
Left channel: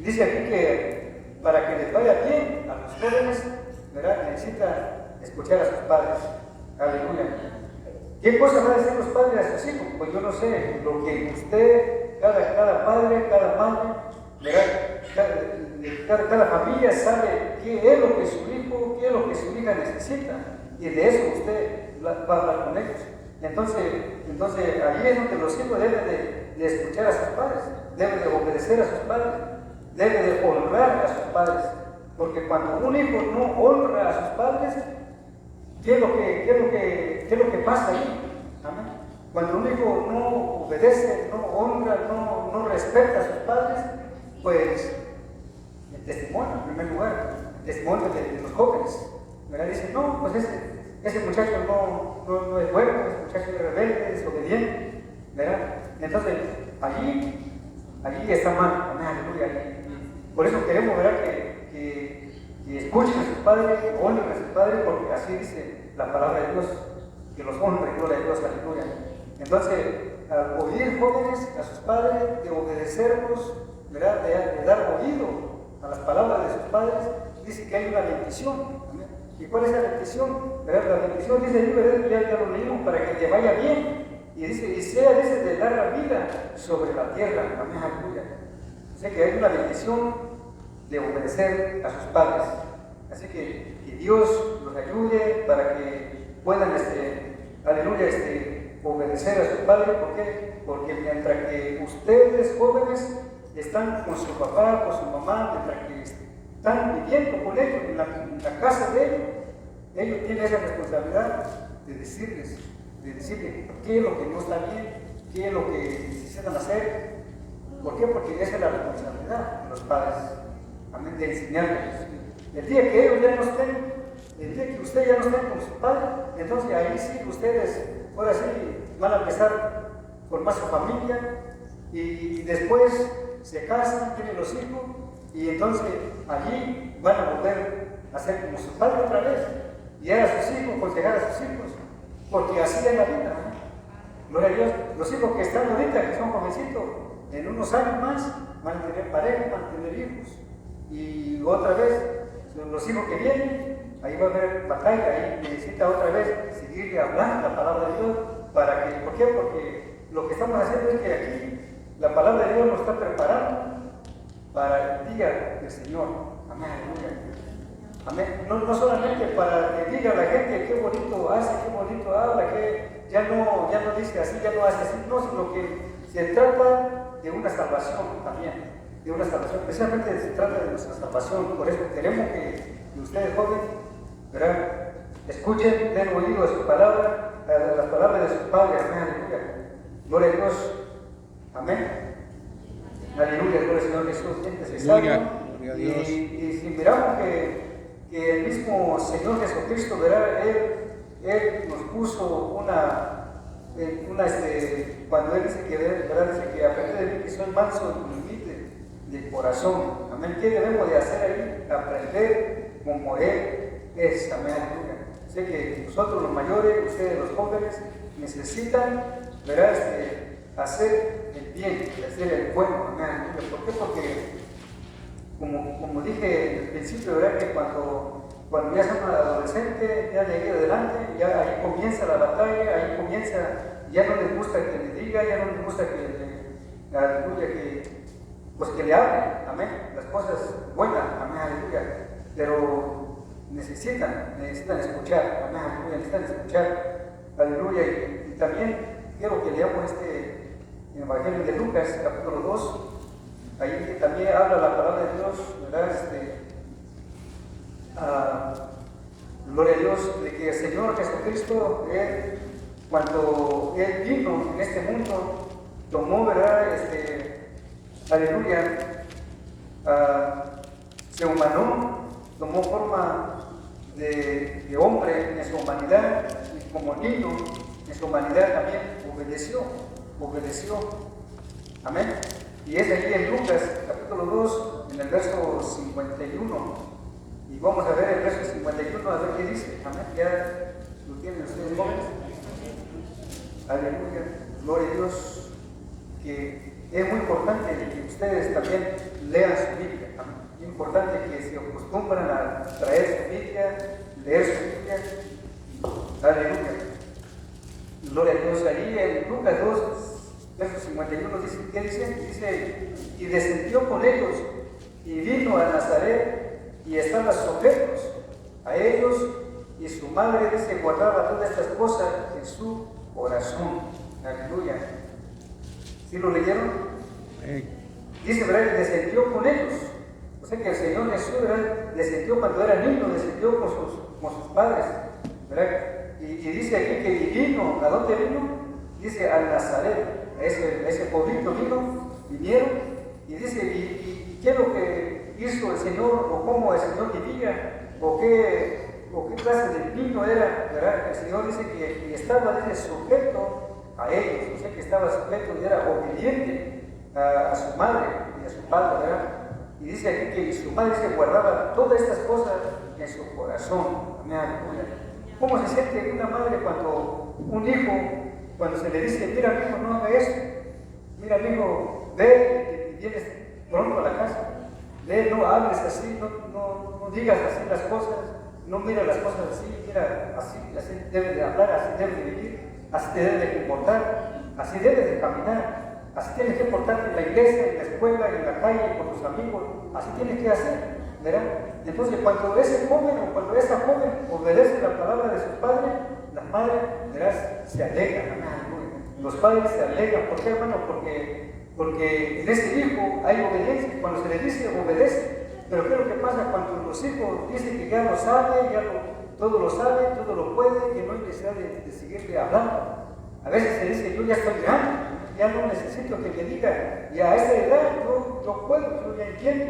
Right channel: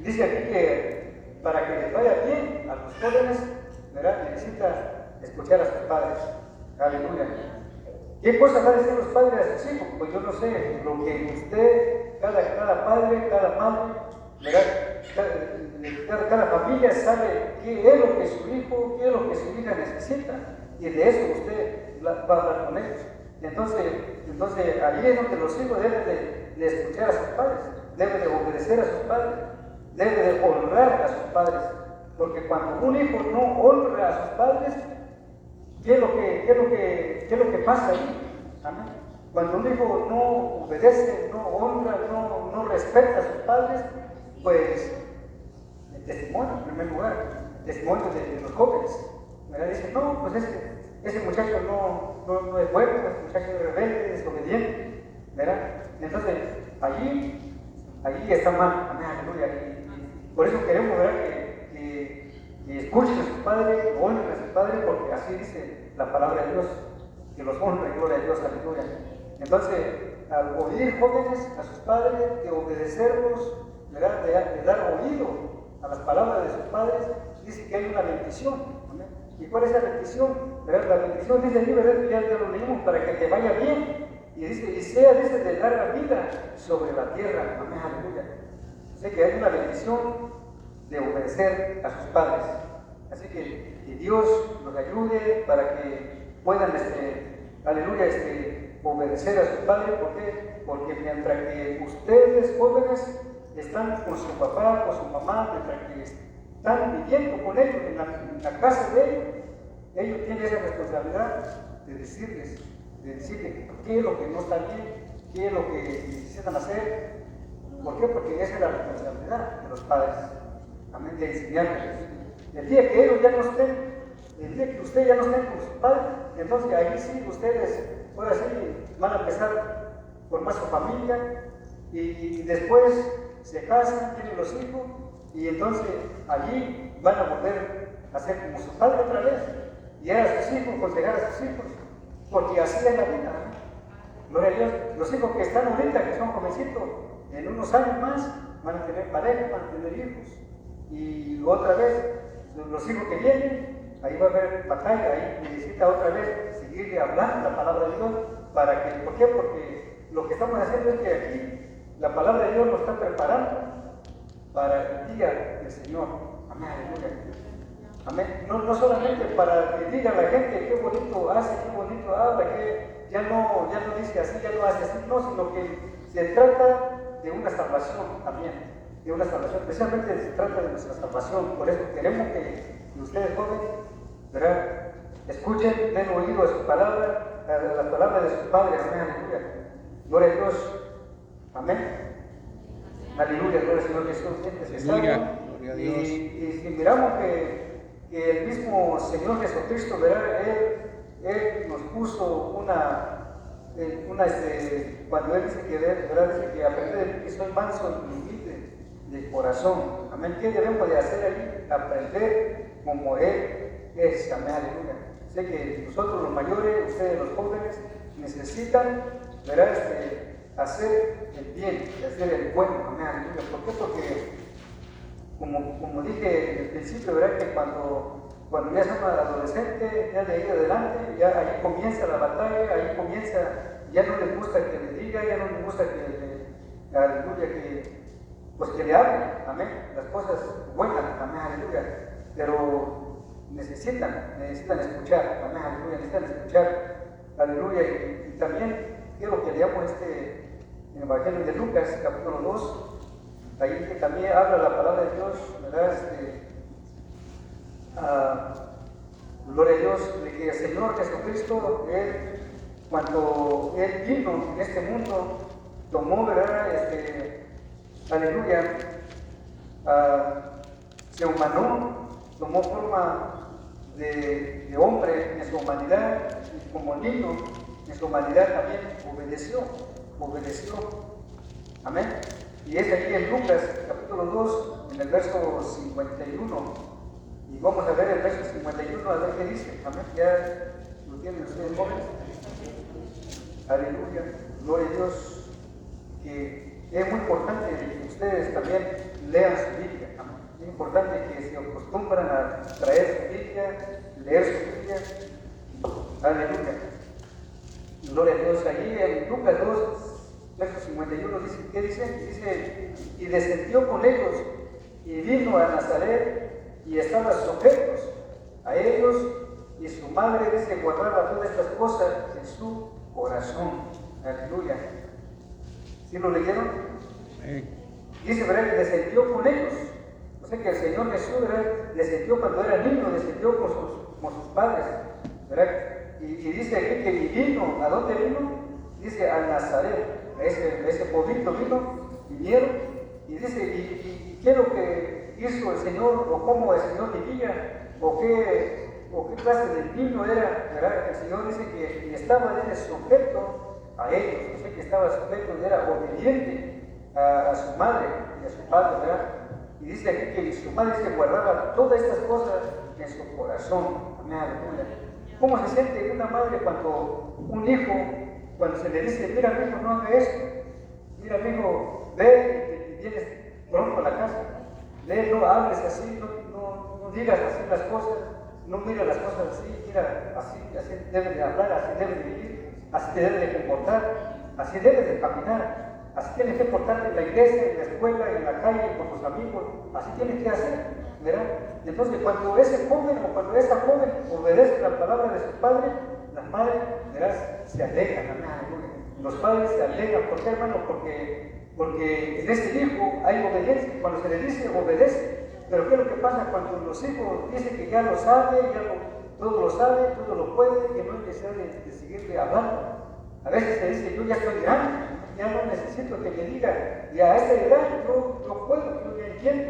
dice aquí que para que les vaya bien a los jóvenes, ¿verdad?, necesita escuchar a sus padres. Aleluya. ¿Qué cosa van a decir los padres a sus hijos? Pues yo no sé, lo que usted, cada padre, cada madre, cada familia sabe qué es lo que su hijo, qué es lo que su hija necesita, y de eso usted va a hablar con ellos. Entonces ahí es donde los hijos deben de escuchar a sus padres, deben de obedecer a sus padres, deben de honrar a sus padres, porque cuando un hijo no honra a sus padres, ¿qué es lo que pasa ahí? Amén. Cuando un hijo no obedece, no honra, no respeta a sus padres, pues el testimonio, en primer lugar, el testimonio de los jóvenes, ¿verdad? Dicen, no, pues ese muchacho no es bueno, ese muchacho es rebelde, desobediente, ¿verdad? Entonces, allí está mal, amén, aleluya. Y por eso queremos, ¿verdad?, que escuchen a sus padres, que honren a sus padres, porque así dice la palabra de Dios, que los honra, gloria a Dios, aleluya. Entonces, al oír, jóvenes, a sus padres, de obedecerlos, ¿verdad?, de dar oído a las palabras de sus padres, dice que hay una bendición. ¿Amén? ¿Y cuál es la bendición? ¿Verdad? La bendición dice ahí, ¿verdad?, ya lo leímos, para que te vaya bien. Y dice, y sea de dar la vida sobre la tierra. Amén, aleluya. Dice que hay una bendición de obedecer a sus padres. Así que Dios los ayude para que puedan, aleluya, obedecer a sus padres. ¿Por qué? Porque mientras que ustedes, jóvenes, están con su papá, con su mamá, mientras que están viviendo con ellos en la casa de ellos, ellos tienen esa responsabilidad de decirles qué es lo que no está bien, qué es lo que necesitan hacer. ¿Por qué? Porque esa es la responsabilidad de los padres, amén, de enseñarles. El día que ellos ya no estén, el día que usted ya no esté con su padre, entonces ahí sí ustedes, ahora sí, van a empezar a formar su familia y después se casan, tienen los hijos y entonces allí van a volver a ser como su padre otra vez, guiar a sus hijos, aconsejar a sus hijos, porque así es la vida, ¿no? Gloria a Dios. Los hijos que están ahorita, que son jovencitos, en unos años más van a tener pareja, van a tener hijos. Y otra vez, los hijos que vienen, ahí va a haber batalla, ahí necesita otra vez seguirle hablando la palabra de Dios. ¿Para que, ¿por qué? Porque lo que estamos haciendo es que aquí la palabra de Dios nos está preparando para el día del Señor. Amén, aleluya. Amén. No solamente para que diga la gente qué bonito hace, qué bonito habla, que ya no dice así, ya no hace así, no, sino que se trata de una salvación también, de una salvación, especialmente se trata de nuestra salvación. Por eso queremos que ustedes jóvenes, ¿verdad?, escuchen, den oído a su palabra, a las palabras de sus padres. Amén, aleluya. Gloria a Dios. Amén. Aleluya, gloria al Señor Jesús. Aleluya, gloria a Dios. Y si miramos que el mismo Señor Jesucristo, ¿verdad?, Él nos puso cuando Él dice que, ¿verdad?, dice que aprende de mí que soy manso y humilde de corazón. Amén. ¿Qué debemos de hacer ahí? Aprender como Él es. Amén, aleluya. Sé que nosotros los mayores, ustedes los jóvenes, necesitan, ¿verdad?, hacer el bien, hacer el bueno. Amén, aleluya. ¿Por qué? Porque como dije al principio, ¿verdad?, que cuando ya son adolescentes, ya de ahí adelante, ya ahí comienza la batalla, ahí comienza, ya no les gusta que le diga, ya no les gusta aleluya, que le hable, amén, las cosas buenas, amén, aleluya, pero necesitan escuchar, amén, aleluya, necesitan escuchar, aleluya, y también quiero que leamos en el Evangelio de Lucas, capítulo 2, ahí también habla la palabra de Dios, ¿verdad? Gloria a Dios, de que el Señor Jesucristo, cuando Él vino en este mundo, tomó, ¿verdad?, aleluya, se humanó, tomó forma de hombre en su humanidad, y como niño en su humanidad también obedeció, amén. Y es aquí en Lucas, capítulo 2, en el verso 51. Y vamos a ver el verso 51, a ver qué dice. Amén. Ya lo tienen ustedes, jóvenes. Aleluya. Gloria a Dios. Que es muy importante que ustedes también lean su Biblia. Amén. Es importante que se acostumbran a traer su Biblia, leer su Biblia. Aleluya. Gloria a Dios. Ahí en Lucas 2, verso 51, dice, ¿qué dice? Dice, y descendió con ellos y vino a Nazaret y estaban sujetos a ellos, y su madre, dice, guardaba todas estas cosas en su corazón. Aleluya. ¿Sí lo leyeron? Dice, ¿verdad?, que descendió con ellos. O sea que el Señor Jesús, ¿verdad?, descendió cuando era niño, descendió con sus padres, ¿verdad? Y dice aquí que vino, ¿a dónde vino? Dice, a Nazaret, a ese pueblito vinieron, y dice, ¿y qué es lo que hizo el Señor, o cómo el Señor vivía, o qué clase de niño era, ¿verdad? El Señor dice que estaba sujeto a ellos, o sea que estaba sujeto y era obediente a su madre y a su padre, ¿verdad? Y dice aquí que su madre se guardaba todas estas cosas en su corazón. Amén. ¿Cómo se siente una madre cuando un hijo, cuando se le dice, mira, mi hijo, no haga esto, mira, mi hijo, ve y vienes pronto a la casa? No hables así, no digas así las cosas, no mires las cosas así, mira, así debes de hablar, así debes de vivir, así te debes de comportar, así debes de caminar, así tienes que portarte en la iglesia, en la escuela, en la calle, con tus amigos, así tienes que hacer, ¿verdad? Entonces, cuando ese joven o cuando esa joven obedece la palabra de sus padres, las madres, verás, se alegran, los padres se alegran. ¿Por qué, hermano? Porque en ese hijo hay obediencia. Cuando se le dice, obedece. Pero ¿qué es lo que pasa cuando los hijos dicen que ya lo sabe, todo lo sabe, todo lo puede, que no hay necesidad de seguirle hablando. A veces te dice, yo ya estoy grande, ya no necesito que me diga, y a esta edad yo puedo, yo ya entiendo,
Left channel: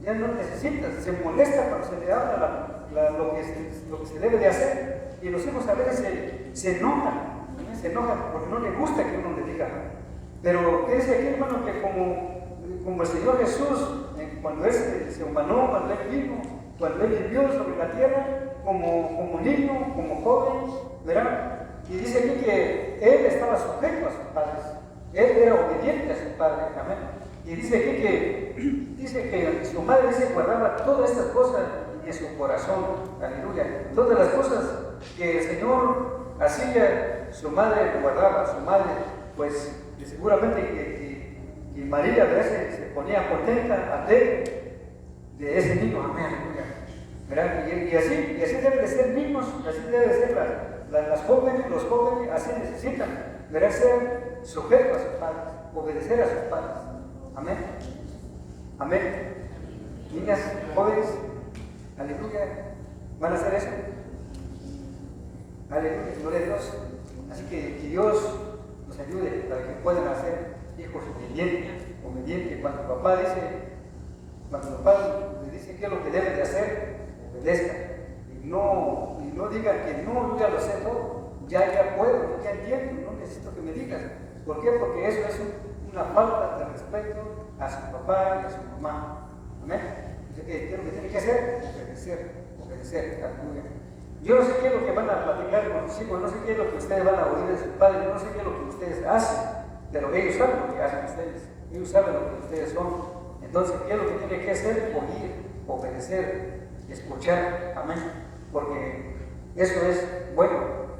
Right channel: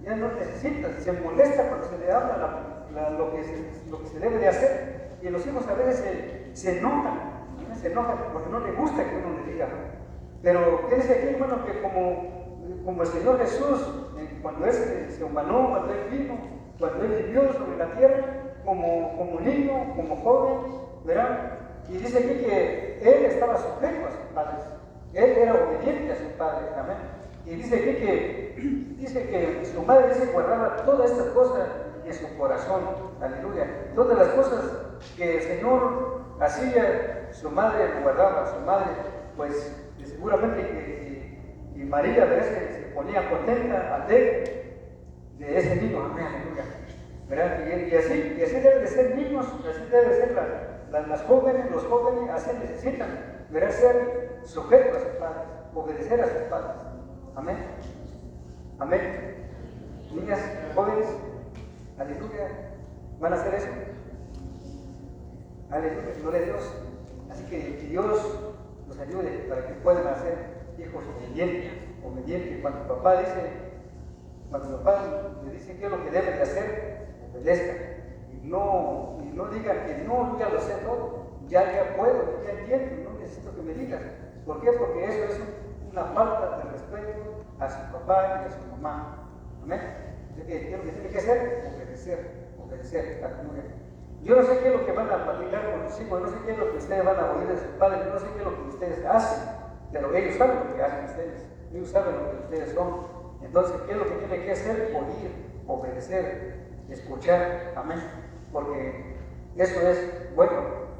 ya no necesitas, se molesta cuando se le habla lo que se debe de hacer, y los hijos a veces se enojan porque no les gusta que uno le diga. Pero ¿qué dice aquí, hermano? Que como el Señor Jesús, cuando Él se humanó, cuando Él vino, cuando Él vivió sobre la tierra, como niño, como joven, ¿verdad? Y dice aquí que Él estaba sujeto a sus padres, Él era obediente a sus padres, amén. Y dice aquí que su madre guardaba todas estas cosas en su corazón, aleluya. Todas las cosas que el Señor hacía, su madre guardaba, su madre, pues seguramente que María a veces se ponía contenta, alegre de ese niño, amén, aleluya. ¿Verdad? Y así deben de ser niños, así deben de ser las jóvenes, los jóvenes, así necesitan, ¿verdad? Ser sujetos a sus padres, obedecer a sus padres, amén, amén. Niñas, jóvenes, aleluya, ¿van a hacer eso? Aleluya, gloria a Dios. Así que Dios nos ayude para que puedan hacer hijos obedientes. Cuando papá le dice qué es lo que debe de hacer, obedezcan. Y no digan que no, yo ya lo sé todo, ya puedo, ya entiendo, no necesito que me digas. ¿Por qué? Porque eso es una falta de respeto a su papá y a su mamá. Amén. Así que ¿qué es lo que tiene que hacer? Obedecer. Aleluya. Yo no sé qué es lo que van a platicar con sus hijos, no sé qué es lo que ustedes van a oír de sus padres, no sé qué es lo que ustedes hacen, pero ellos saben lo que hacen ustedes, ellos saben lo que ustedes son. Entonces, ¿qué es lo que tiene que hacer? Oír, obedecer, escuchar, amén, porque eso es bueno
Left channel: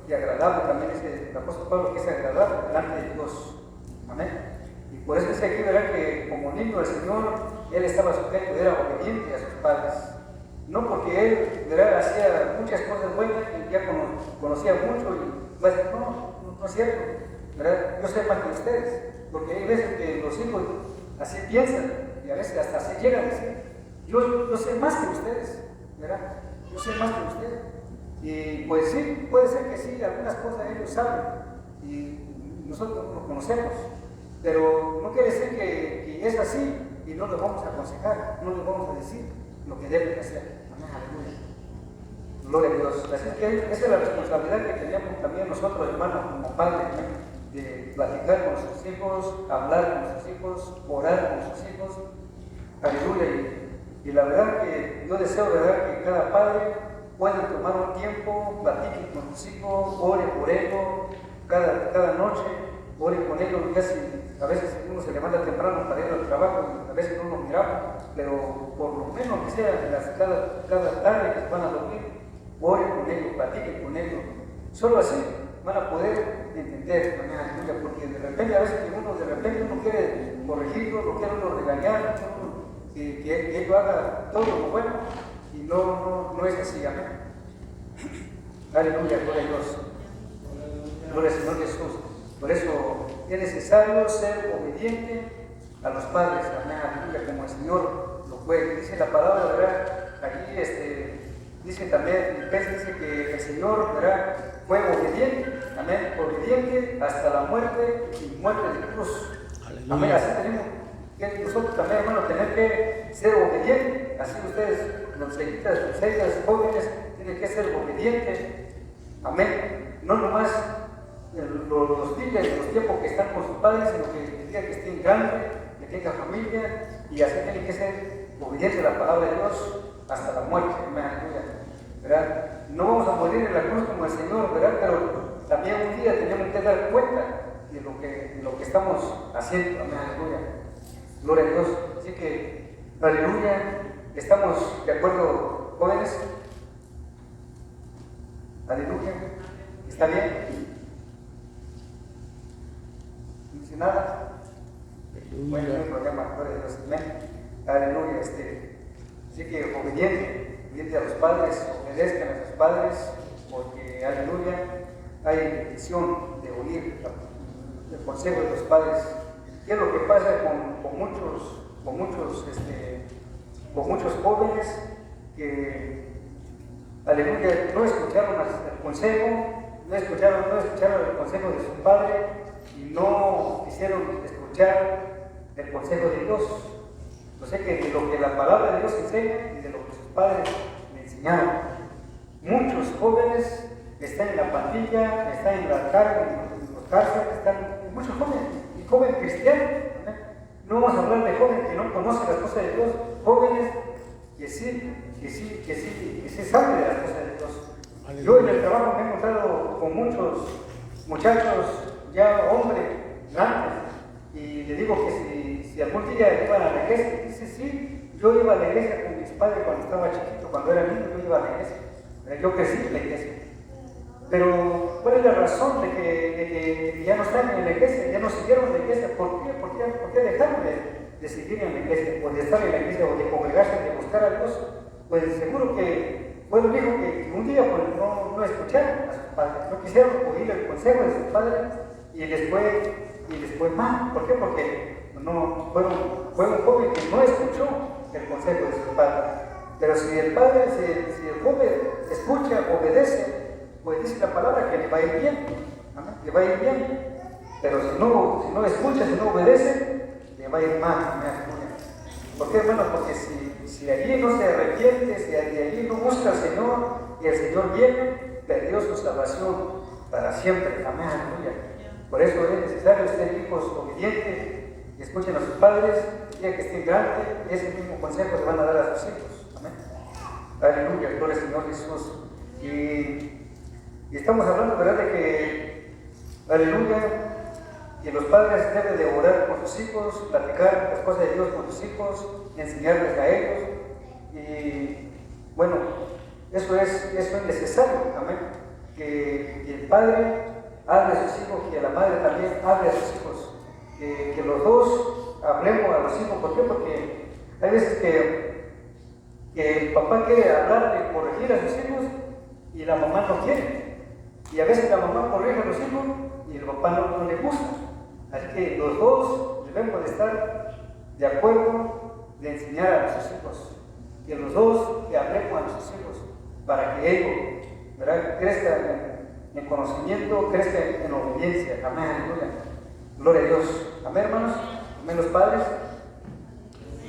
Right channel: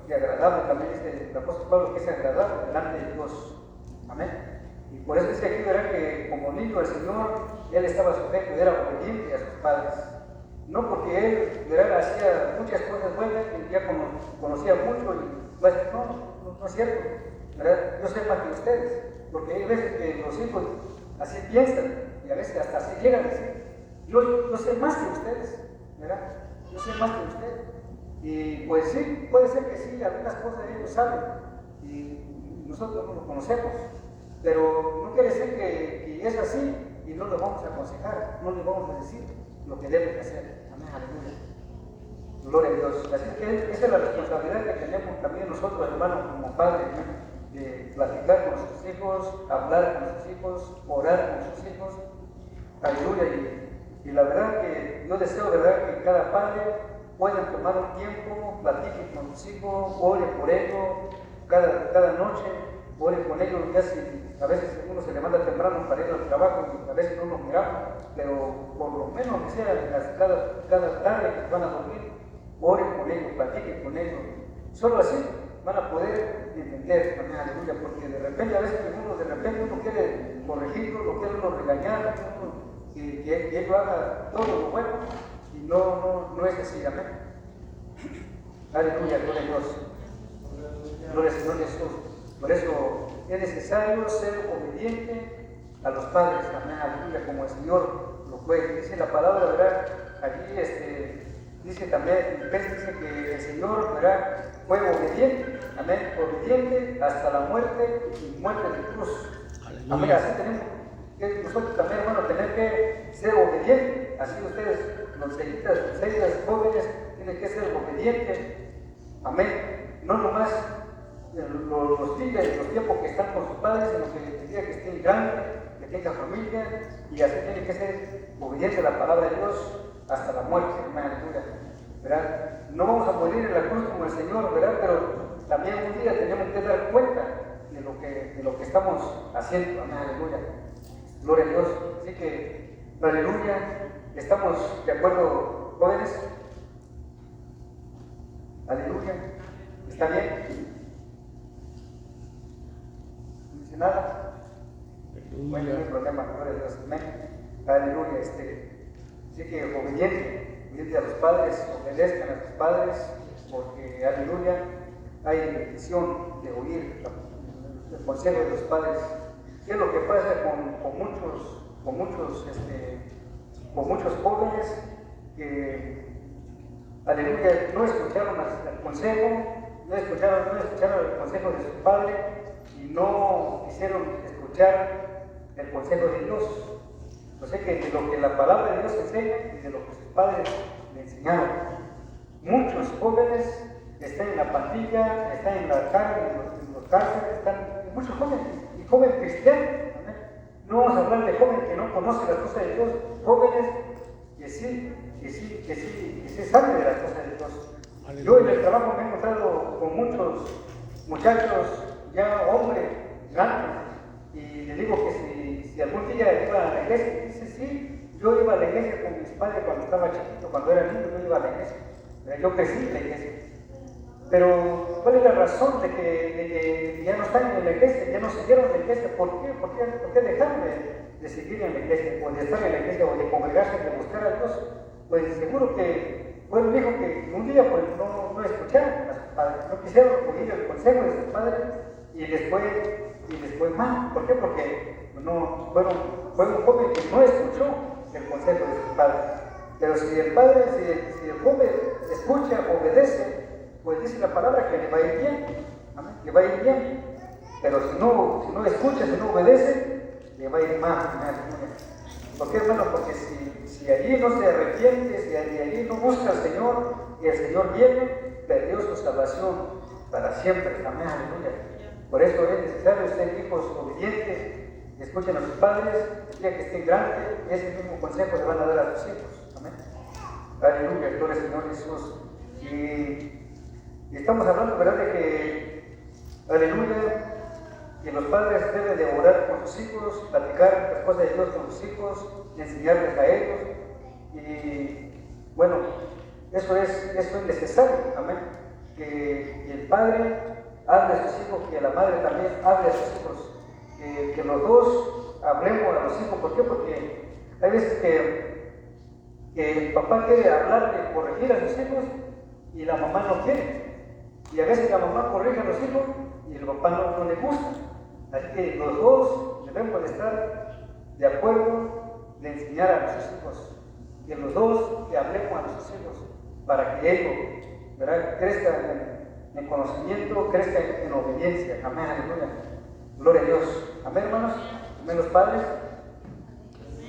y agradable. También dice el apóstol Pablo que es agradable delante de Dios, amén. Y por eso dice aquí, verá que como niño del Señor, Él estaba sujeto, era obediente a sus padres. No porque Él, ¿verdad?, hacía muchas cosas buenas, y ya conocía mucho, y pues no es cierto, ¿verdad? Yo sé más que ustedes, porque hay veces que los hijos así piensan, y a veces hasta se llegan a decir, yo sé más que ustedes, ¿verdad? Yo sé más que ustedes. Y pues sí, puede ser que sí, algunas cosas ellos saben, y nosotros no lo conocemos, pero no quiere decir que es así, y no lo vamos a aconsejar, no lo vamos a decir lo que debe de hacer. Amén, aleluya. Gloria a Dios. Así que esa es la responsabilidad que tenemos también nosotros, hermanos, como padres, ¿no?, de platicar con nuestros hijos, hablar con nuestros hijos, orar con nuestros hijos. Aleluya. Y la verdad que yo deseo, ¿verdad?, que cada padre pueda tomar un tiempo, platique con sus hijos, ore por ellos, cada noche, ore con ellos. Ya si a veces uno se levanta temprano para ir al trabajo, y a veces no nos miramos, pero por lo menos que sea cada tarde que van a dormir, ore con ellos, platique con ellos. Solo así van a poder entender, amén, aleluya, porque de repente a veces uno quiere corregirlo, lo quiere uno regañar, que él haga todo lo bueno, y no es así, amén. Aleluya, gloria a Dios. Gloria al Señor Jesús. Por eso es necesario ser obediente a los padres, amén, aleluya, como el Señor lo fue. Dice la palabra, ¿verdad? Allí dice también, dice que el Señor, ¿verdad?, fue obediente, amén, obediente hasta la muerte y muerte de cruz. Aleluya. Amén, así tenemos que nosotros también, hermano, tener que ser obedientes. Así ustedes, ustedes jóvenes, tienen que ser obedientes, amén. No nomás los días y los tiempos que están con sus padres, sino que el día que estén grandes, que tengan familia, y así tienen que ser obedientes a la palabra de Dios hasta la muerte, ¿verdad? No vamos a morir en la cruz como el Señor, ¿verdad? Pero también un día tenemos que dar cuenta de lo que estamos haciendo, amén, aleluya. Gloria a Dios. Así que, aleluya, ¿estamos de acuerdo, jóvenes? Aleluya. ¿Está bien? ¿No dice nada? Aleluya. No hay problema, gloria a Dios, amén. Aleluya. Así que obediente a los padres, obedezcan a sus padres, porque, aleluya, hay bendición de oír el consejo de los padres. ¿Qué es lo que pasa con muchos jóvenes que aleluya, no escucharon el consejo, no escucharon el consejo de su padre y no quisieron escuchar el consejo de Dios. No sé que de lo que la palabra de Dios enseña y de lo que sus padres le enseñaron. Muchos jóvenes están en la pandilla, están en la cárcel, en los cárceles, están muchos jóvenes, y jóvenes cristianos. No vamos a hablar de jóvenes que no conocen las cosas de Dios, jóvenes que sí saben de las cosas de Dios. Aleluya. Yo en el trabajo me he encontrado con muchos muchachos, ya hombres grandes, y le digo que si algún día iban a la iglesia, dice sí, yo iba a la iglesia con mis padres cuando estaba chiquito, cuando era niño, yo iba a la iglesia. Yo crecí en la iglesia. Pero, ¿cuál es la razón de que ya no están en la iglesia, ya no siguieron en la iglesia? ¿Por qué dejaron de seguir en la iglesia, o de estar en la iglesia, o de congregarse, de buscar a Dios? Pues seguro que fueron hijos que un día pues, no escucharon a sus padres, no quisieron oír el consejo de sus padres, y después más. ¿Por qué? Porque fue un joven que no escuchó el consejo de sus padres. Pero si el joven escucha, obedece, pues dice la palabra que le va a ir bien, ¿amén? Que va a ir bien. Pero si no escucha, si no obedece, le va a ir mal. ¿Por qué, hermano? Porque si allí no se arrepiente, si allí no busca al Señor y el Señor viene, perdió su salvación para siempre. Amén. Por eso es necesario ser hijos obedientes y escuchen a sus padres, el día que estén grandes, ese mismo consejo le van a dar a sus hijos. Amén. Aleluya, gloria al Señor Jesús. Y estamos hablando, ¿verdad?, de que, aleluya, que los padres deben de orar por sus hijos, platicar las cosas de Dios con sus hijos, enseñarles a ellos. Y bueno, eso es necesario, amén. Que el padre hable a sus hijos, que la madre también hable a sus hijos, que los dos hablemos a los hijos. ¿Por qué? Porque hay veces que el papá quiere hablarle, corregir a sus hijos y la mamá no quiere. Y a veces la mamá corrige a los hijos y el papá no le gusta. Así que los dos debemos de estar de acuerdo de enseñar a nuestros hijos. Que los dos le hablemos a nuestros hijos para que ellos, ¿verdad?, crezcan en conocimiento, crezcan en obediencia. Amén, aleluya. Gloria a Dios. Amén, hermanos. Amén, los padres.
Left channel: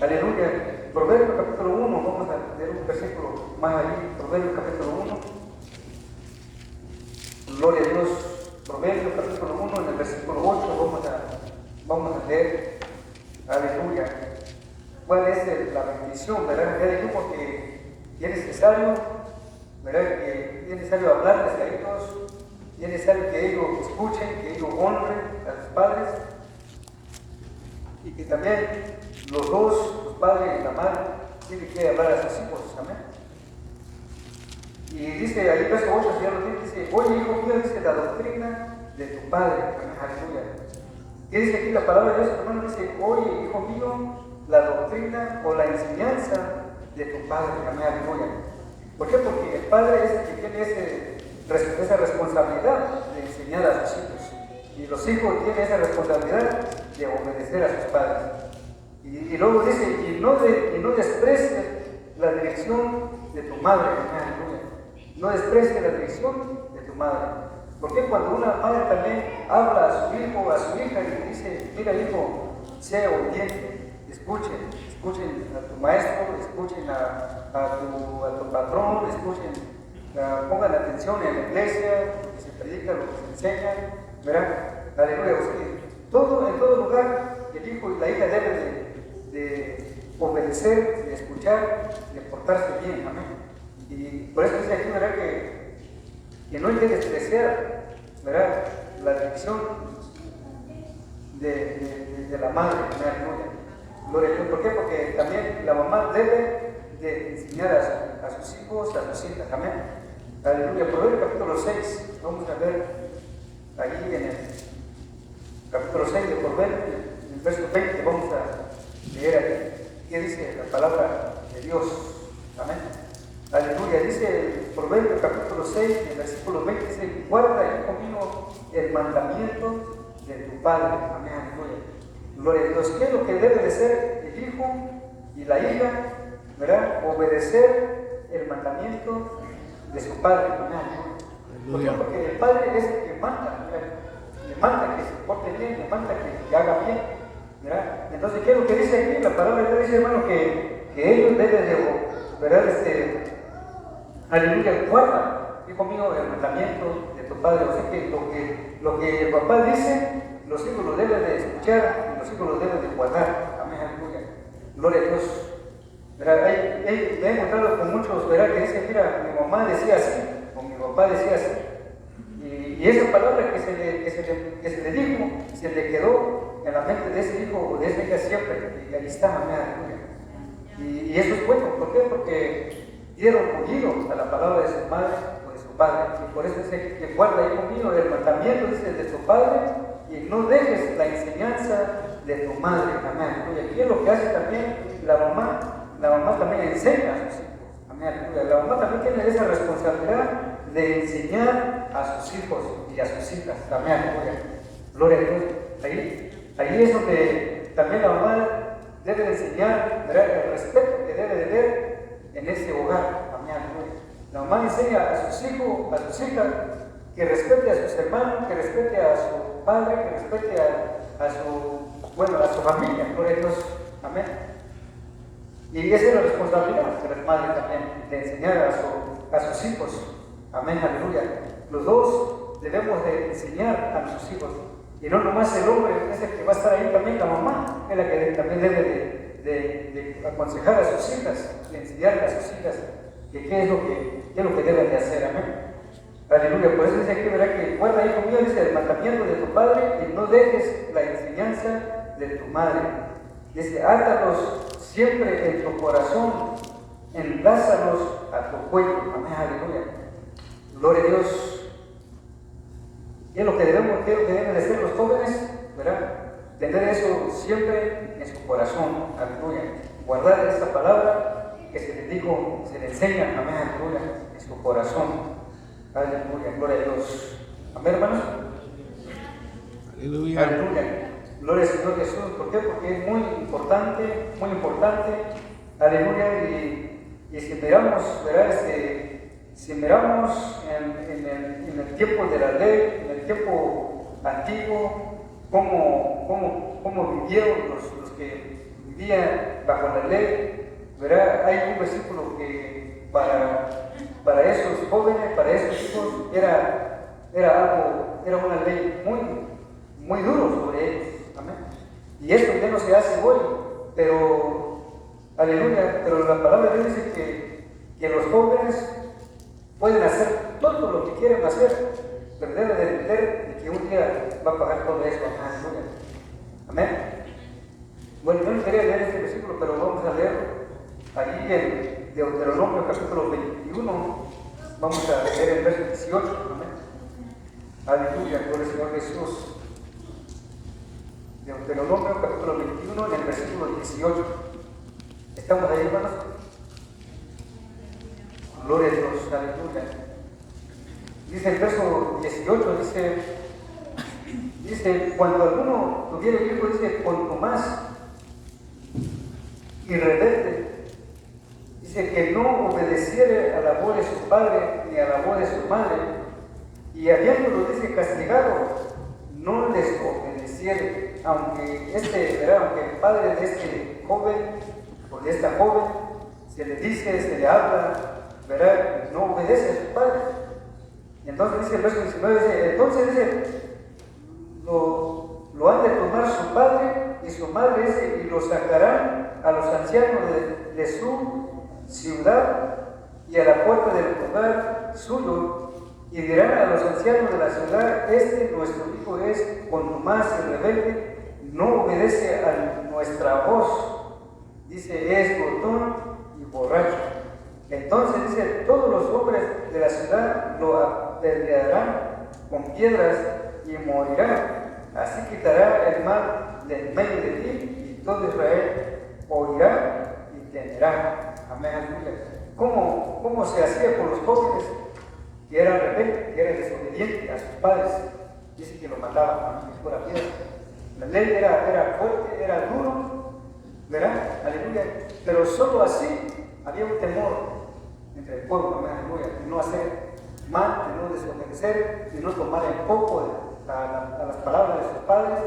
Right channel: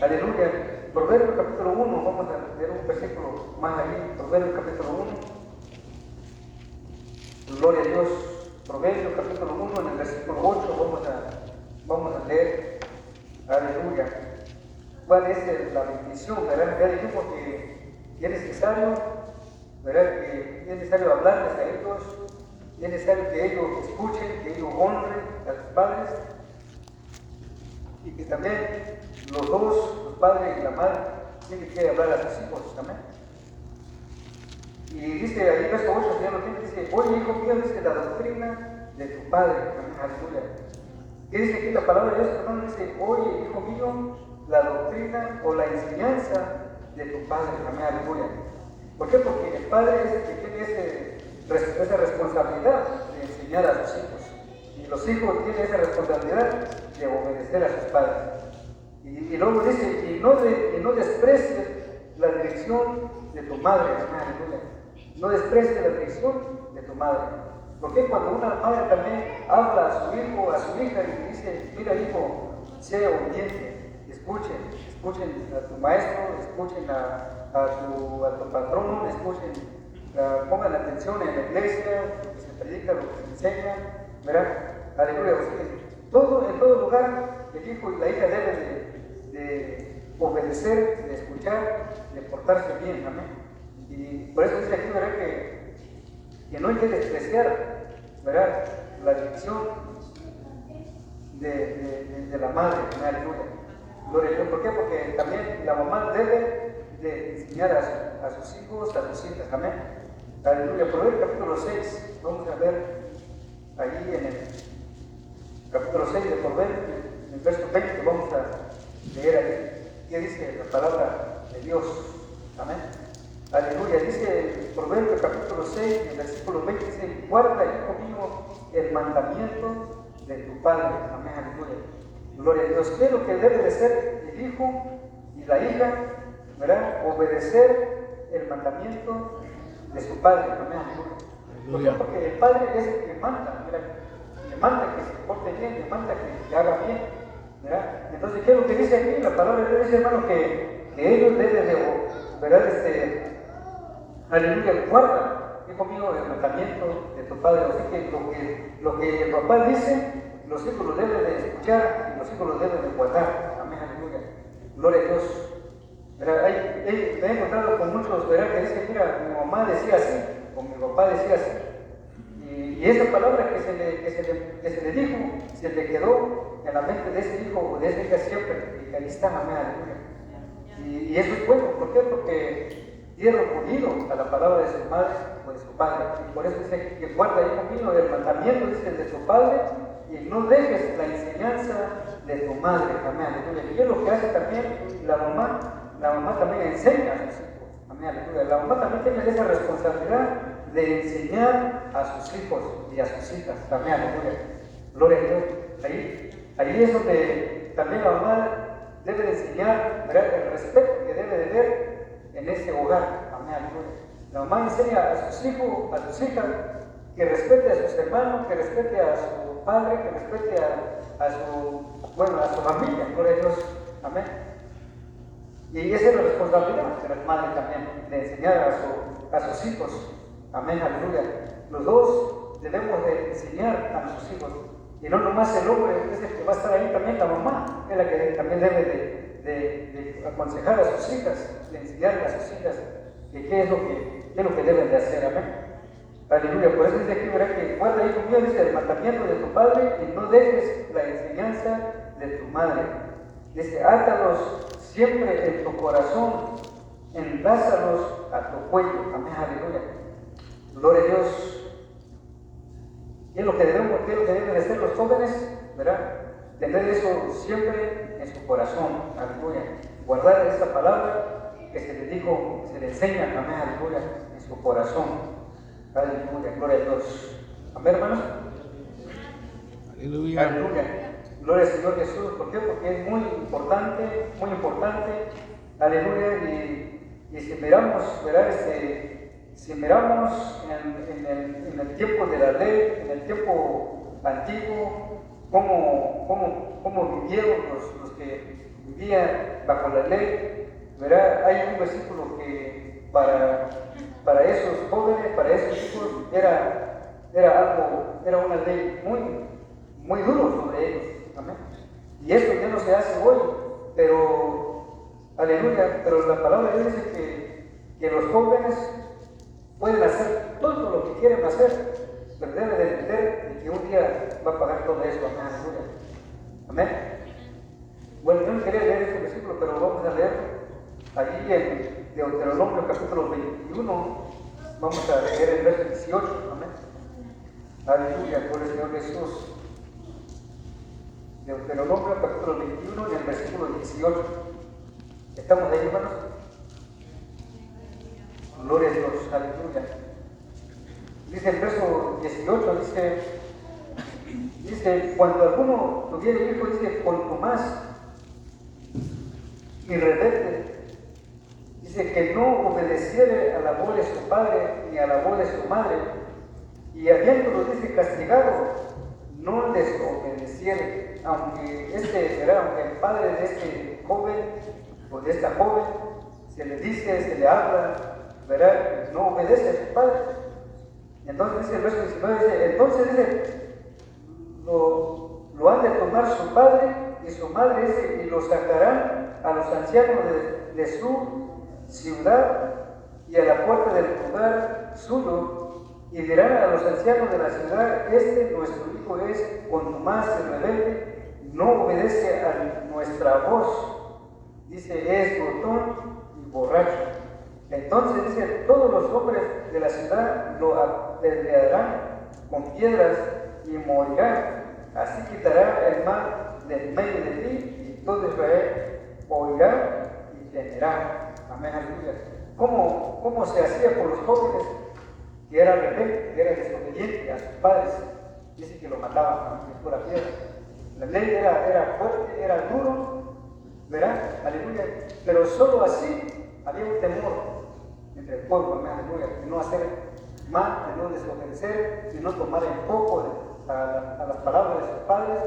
Aleluya. Proverbios capítulo 1, vamos a leer un versículo más allí. Proverbios capítulo 1. Gloria a Dios. Proverbios capítulo 1, en el versículo 8, vamos a leer. Aleluya. ¿Cuál es la bendición? ¿Verdad? Porque es necesario, ¿verdad?, que es necesario hablarles a ellos, es necesario que ellos escuchen, que ellos honren a sus padres, y que también los dos, los padres y la madre, tienen que hablar a sus hijos. Amén. Y dice ahí, verso 8, dice, oye, hijo mío, dice la doctrina de tu padre. Amén. Aleluya. ¿Qué dice aquí la palabra de Dios? Hermano, dice, oye, hijo mío, la doctrina o la enseñanza de tu padre. Amén. Aleluya. ¿Por qué? Porque el padre es el que tiene esa responsabilidad de enseñar a sus hijos. Y los hijos tienen esa responsabilidad de obedecer a sus padres. Y luego dice, y no desprecies la dirección de tu madre. No desprecies la dirección de tu madre. Porque cuando una madre también habla a su hijo, a su hija, y le dice, mira hijo, sea obediente, escuchen a tu maestro, escuchen a tu patrón, pongan atención en la iglesia, que se predica lo que se enseña, ¿verdad? Aleluya. En todo lugar, el hijo y la hija deben de obedecer, de escuchar, de portarse bien. Amén. Y por eso dice aquí, ¿verdad?, que no hay que despreciar, ¿verdad?, la dirección de la madre. Aleluya. Gloria a Dios. ¿Por qué? Porque también la mamá debe de enseñar a sus hijos, a sus hijas. Amén. Aleluya. Proverbios capítulo 6, vamos a ver allí en el capítulo 6 de Proverbios, en el verso 20, vamos a leer ahí qué dice la palabra de Dios. Amén. Aleluya. Dice el Proverbios capítulo 6, en el versículo 20, dice, guarda, hijo mío, el mandamiento de tu padre. Amén. Aleluya. Gloria a Dios. ¿Qué es lo que debe de ser el hijo y la hija? ¿Verdad? Obedecer el mandamiento de su padre. Amén. Aleluya. Porque el padre es el que manda, ¿verdad? Le manda que se porte bien, le manda que haga bien, ¿verdad? Entonces, ¿qué es lo que dice aquí? La palabra de Dios dice, hermano, que ellos deben de, ¿verdad? Aleluya, guarda, y conmigo el mandamiento de tu padre. O sea que lo que el papá dice, los hijos lo deben de escuchar y los hijos lo deben de guardar. Amén, aleluya. Gloria a Dios. ¿Verdad? Me he encontrado con muchos, ¿verdad? Que dicen, mira, mi mamá decía así, o mi papá decía así. Y esa palabra que se le dijo, se le quedó en la mente de ese hijo o de esa hija siempre. Y ahí está, amén, aleluya. Y eso es bueno. ¿Por qué? Porque dieron oído a la palabra de su madre o de su padre. Y por eso dice que guarda ahí conmigo el mandamiento, dice, de tu padre, y no dejes la enseñanza de tu madre. Amén. Y aquí es lo que hace también la mamá también enseña a sus hijos. Amén. La mamá también tiene esa responsabilidad de enseñar a sus hijos y a sus hijas. Amén. Gloria a Dios. Ahí es donde también la mamá debe de enseñar, ¿verdad?, el respeto que debe de ver en ese hogar. Amén. La mamá enseña a sus hijos, a sus hijas, que respete a sus hermanos, que respete a su padre, que respete a su familia. Gloria a Dios. Amén. Y esa es la responsabilidad de las madres también, de enseñar a sus hijos. Amén, aleluya. Los dos debemos de enseñar a nuestros hijos. Y no nomás el hombre es el que va a estar ahí, también la mamá es la que también debe de aconsejar a sus hijas, de enseñar a sus hijas que qué es lo que deben de hacer. Amén. Aleluya. Por eso dice aquí, ¿verdad?, que guarda ahí conmigo, dice, el mandamiento de tu padre y no dejes la enseñanza de tu madre. Dice, átalos siempre en tu corazón, enlázalos a tu cuello. Amén, aleluya. Gloria a Dios. ¿Qué es lo que deben de hacer los jóvenes? ¿Verdad? Tener eso siempre en su corazón. Aleluya. Guardar esa palabra que se les dijo, se les enseña. Amén, aleluya. En su corazón. Aleluya. Gloria a Dios. Amén, hermanos. Aleluya. Aleluya. Gloria al Señor Jesús. ¿Por qué? Porque es muy importante. Aleluya. Y si miramos, ¿verdad? Si miramos en el tiempo de la ley, en el tiempo antiguo, cómo vivieron los que vivían bajo la ley, ¿verdad? Hay un versículo que para esos jóvenes, para esos hijos, era una ley muy duro sobre ellos. Amén. Y esto ya no se hace hoy, pero, aleluya, pero la palabra de Dios dice que los jóvenes pueden hacer todo lo que quieren hacer, pero deben de entender de que un día va a pagar todo esto. Amén. Amén. Bueno, yo no quería leer este versículo, pero vamos a leer allí en Deuteronomio capítulo 21, vamos a leer el verso 18. Amén. Aleluya, gloria al Señor Jesús. Deuteronomio capítulo 21, en el versículo 18. ¿Estamos ahí, hermanos? Gloria a Dios, aleluya. Dice el verso 18, dice, cuando alguno tuviera hijo, dice, cuanto más y rebelde, dice que no obedeciere a la voz de su padre ni a la voz de su madre, y habiéndolo, dice, castigado, no les obedeciere, aunque el padre de este joven o de esta joven se le dice, se le habla, ¿verdad?, no obedece a su padre. Entonces dice el verso 19, entonces dice, lo han de tomar su padre y su madre, y lo sacarán a los ancianos de su ciudad y a la puerta del lugar suyo, y dirán a los ancianos de la ciudad, nuestro hijo es contumaz y rebelde, no obedece a nuestra voz, dice, es glotón y borracho. Entonces dice, todos los hombres de la ciudad lo apedrearán con piedras y morirá. Así quitará el mal de en medio de ti, y todo Israel oirá y temerá. Amén, aleluya. ¿Cómo se hacía con los jóvenes que eran rebeldes, que eran desobedientes a sus padres? Dice que lo mataban con la piedra. La ley era fuerte, era duro, ¿verdad? Aleluya. Pero solo así había un temor entre el pueblo, aleluya, de no hacer mal, de no desobedecer, de no tomar el poco a las palabras de sus padres.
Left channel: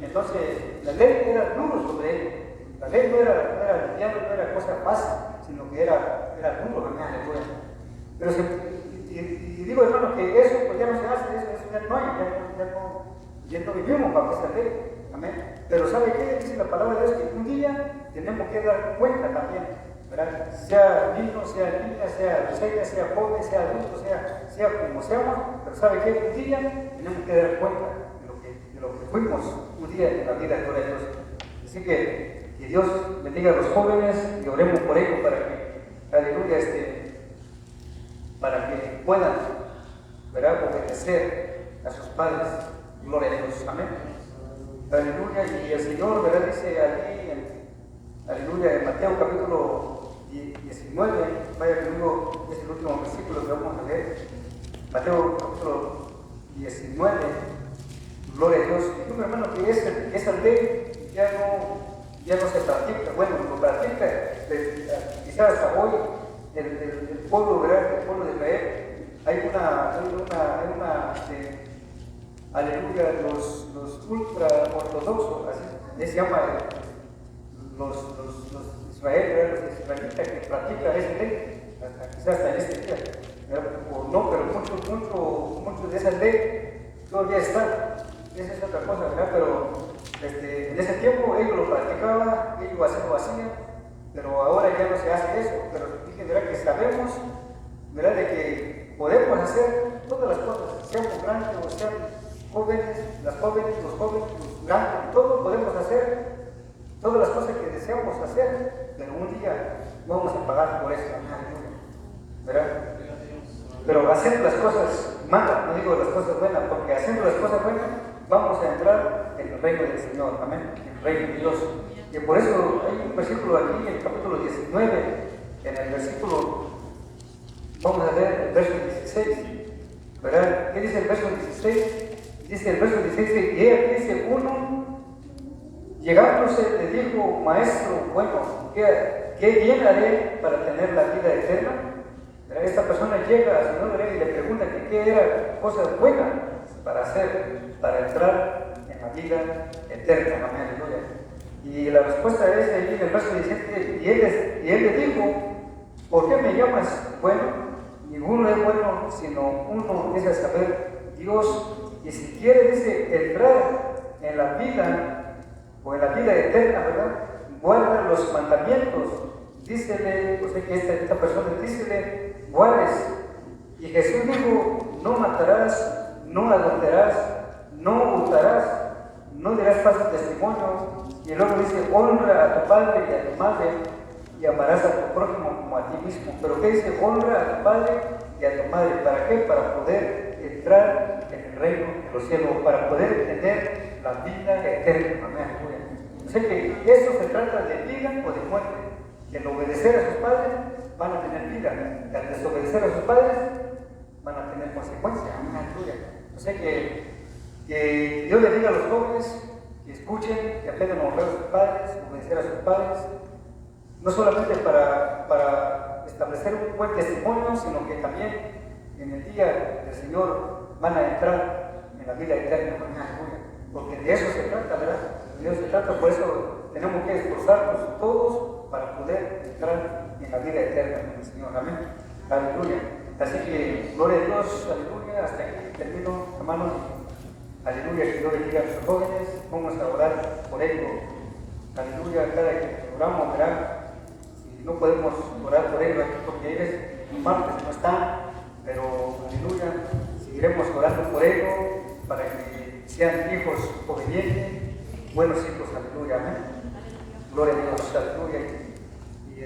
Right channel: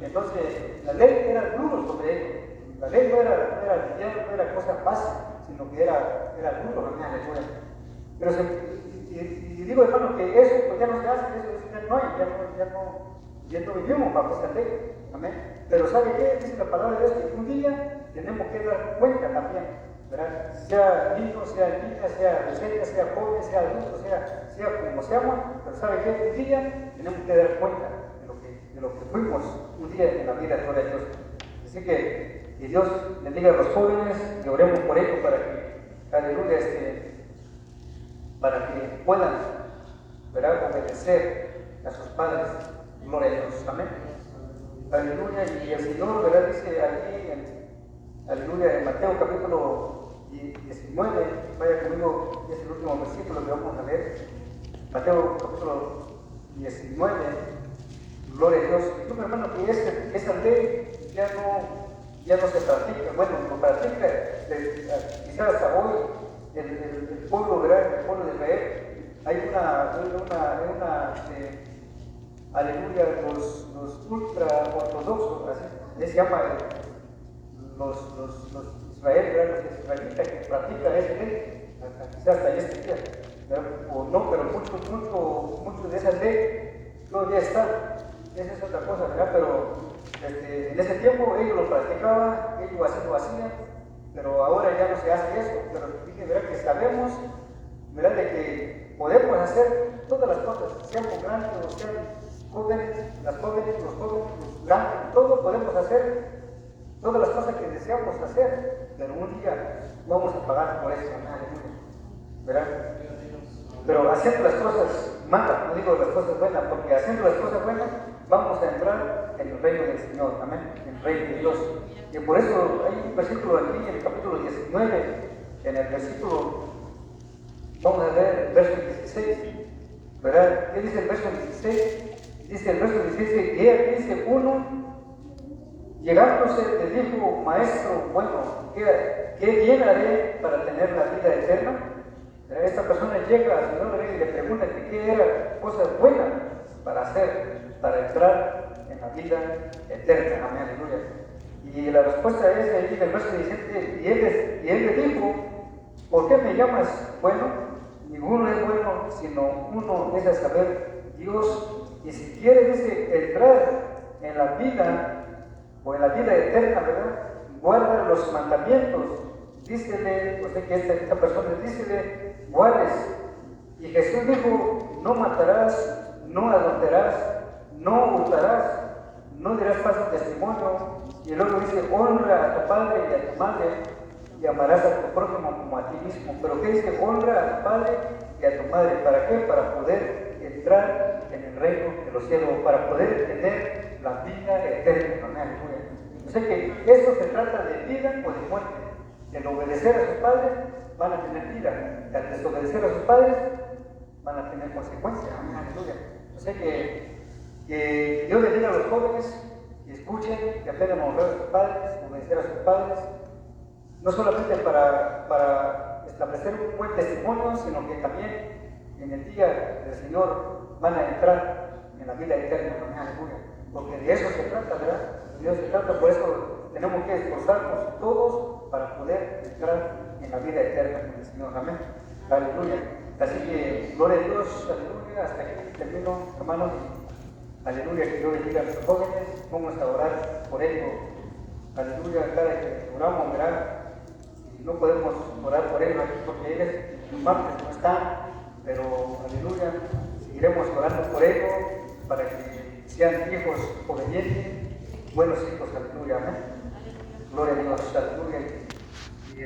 Entonces, la ley era duro sobre él. La ley no era cosa fácil, sino que era duro, aleluya. Pero y digo, hermano, que eso pues ya no se hace, eso ya no hay, ya no vivimos bajo esa ley. Amén. Pero ¿sabe qué? Dice la palabra de Dios que un día tenemos que dar cuenta también, ¿verdad? Sea niño, sea niña, sea adolescente, sea joven, sea adulto, sea como seamos, pero ¿sabe qué? Un día tenemos que dar cuenta de lo que fuimos un día en la vida de Dios. Así que Dios bendiga a los jóvenes y oremos por ellos para que, aleluya, para que puedan, ¿verdad?, obedecer a sus padres. Gloria a Dios. Amén. Aleluya. Y el Señor, ¿verdad?, dice aquí, aleluya, en Mateo capítulo 19, vaya conmigo, es el último versículo que vamos a ver. Mateo capítulo 19, gloria a Dios. Digo, hermano, que esa ley ya no se practica. Bueno, lo practica quizás hasta hoy el pueblo, ¿verdad?, el pueblo de Israel. Hay una aleluya, los ultra ortodoxos, así se llama los Israel, los israelitas que practican ese ley, quizás hasta en este día, o no, pero mucho de esa ley todavía está. Esa es otra cosa, ¿verdad? Pero en ese tiempo ellos lo practicaban, ellos lo hacían, pero ahora ya no se hace eso. Pero dije, ¿verdad?, que sabemos, ¿verdad?, de que podemos hacer todas las cosas, sean grandes o sean jóvenes, los jóvenes, los grandes, todo podemos hacer, todas las cosas que deseamos hacer, pero un día vamos a pagar por eso, ¿verdad? Pero haciendo las cosas malas, no digo las cosas buenas, porque haciendo las cosas buenas vamos a entrar en el reino del Señor, amén, en el reino de Dios. Y por eso hay un versículo aquí, en el capítulo 19, en el versículo, vamos a ver el verso 16, ¿verdad? ¿Qué dice el verso 16? Dice el verso 16, y aquí dice uno, llegándose le dijo, maestro, bueno, ¿qué bien haré para tener la vida eterna? Esta persona llega al Señor y le pregunta que qué era cosas buenas para hacer, para entrar en la vida eterna. Amén, aleluya. Y la respuesta es ahí en el verso 17, y él le dijo, ¿por qué me llamas bueno? Ninguno es bueno, sino uno es a saber, Dios. Y si quiere, dice, entrar en la vida o en la vida eterna, ¿verdad?, guarda los mandamientos. Dícele, o sea que esta persona, dícele, guardes. Y Jesús dijo, no matarás, no adulterarás, no hurtarás, no dirás falso testimonio. Y luego dice, honra a tu padre y a tu madre, y amarás a tu prójimo como a ti mismo. Pero ¿qué dice? Honra a tu padre y a tu madre. ¿Para qué? Para poder entrar en el reino de los cielos, para poder tener la vida eterna. Amén. O sea que eso se trata de vida o de muerte. El obedecer a sus padres van a tener vida, al desobedecer a sus padres van a tener consecuencias. Amén. O sea que Dios le diga a los jóvenes que escuchen, que aprendan a honrar a sus padres, obedecer a sus padres, no solamente para establecer un buen testimonio, sino que también en el día del Señor van a entrar en la vida eterna. Porque de eso se trata, ¿verdad? De eso se trata, por eso tenemos que esforzarnos todos para poder entrar en la vida eterna con el Señor. Amén. Aleluya. Así que, gloria a Dios, aleluya. Hasta aquí termino, hermanos. Aleluya, que Dios bendiga a los jóvenes. Vamos a orar por ellos. Aleluya, cada que oramos, ¿verdad? Si no podemos orar por ellos aquí porque ellos martes no están, pero aleluya, seguiremos orando por ellos para que sean hijos obedientes, buenos hijos, aleluya, amén. Gloria a Dios, aleluya. Y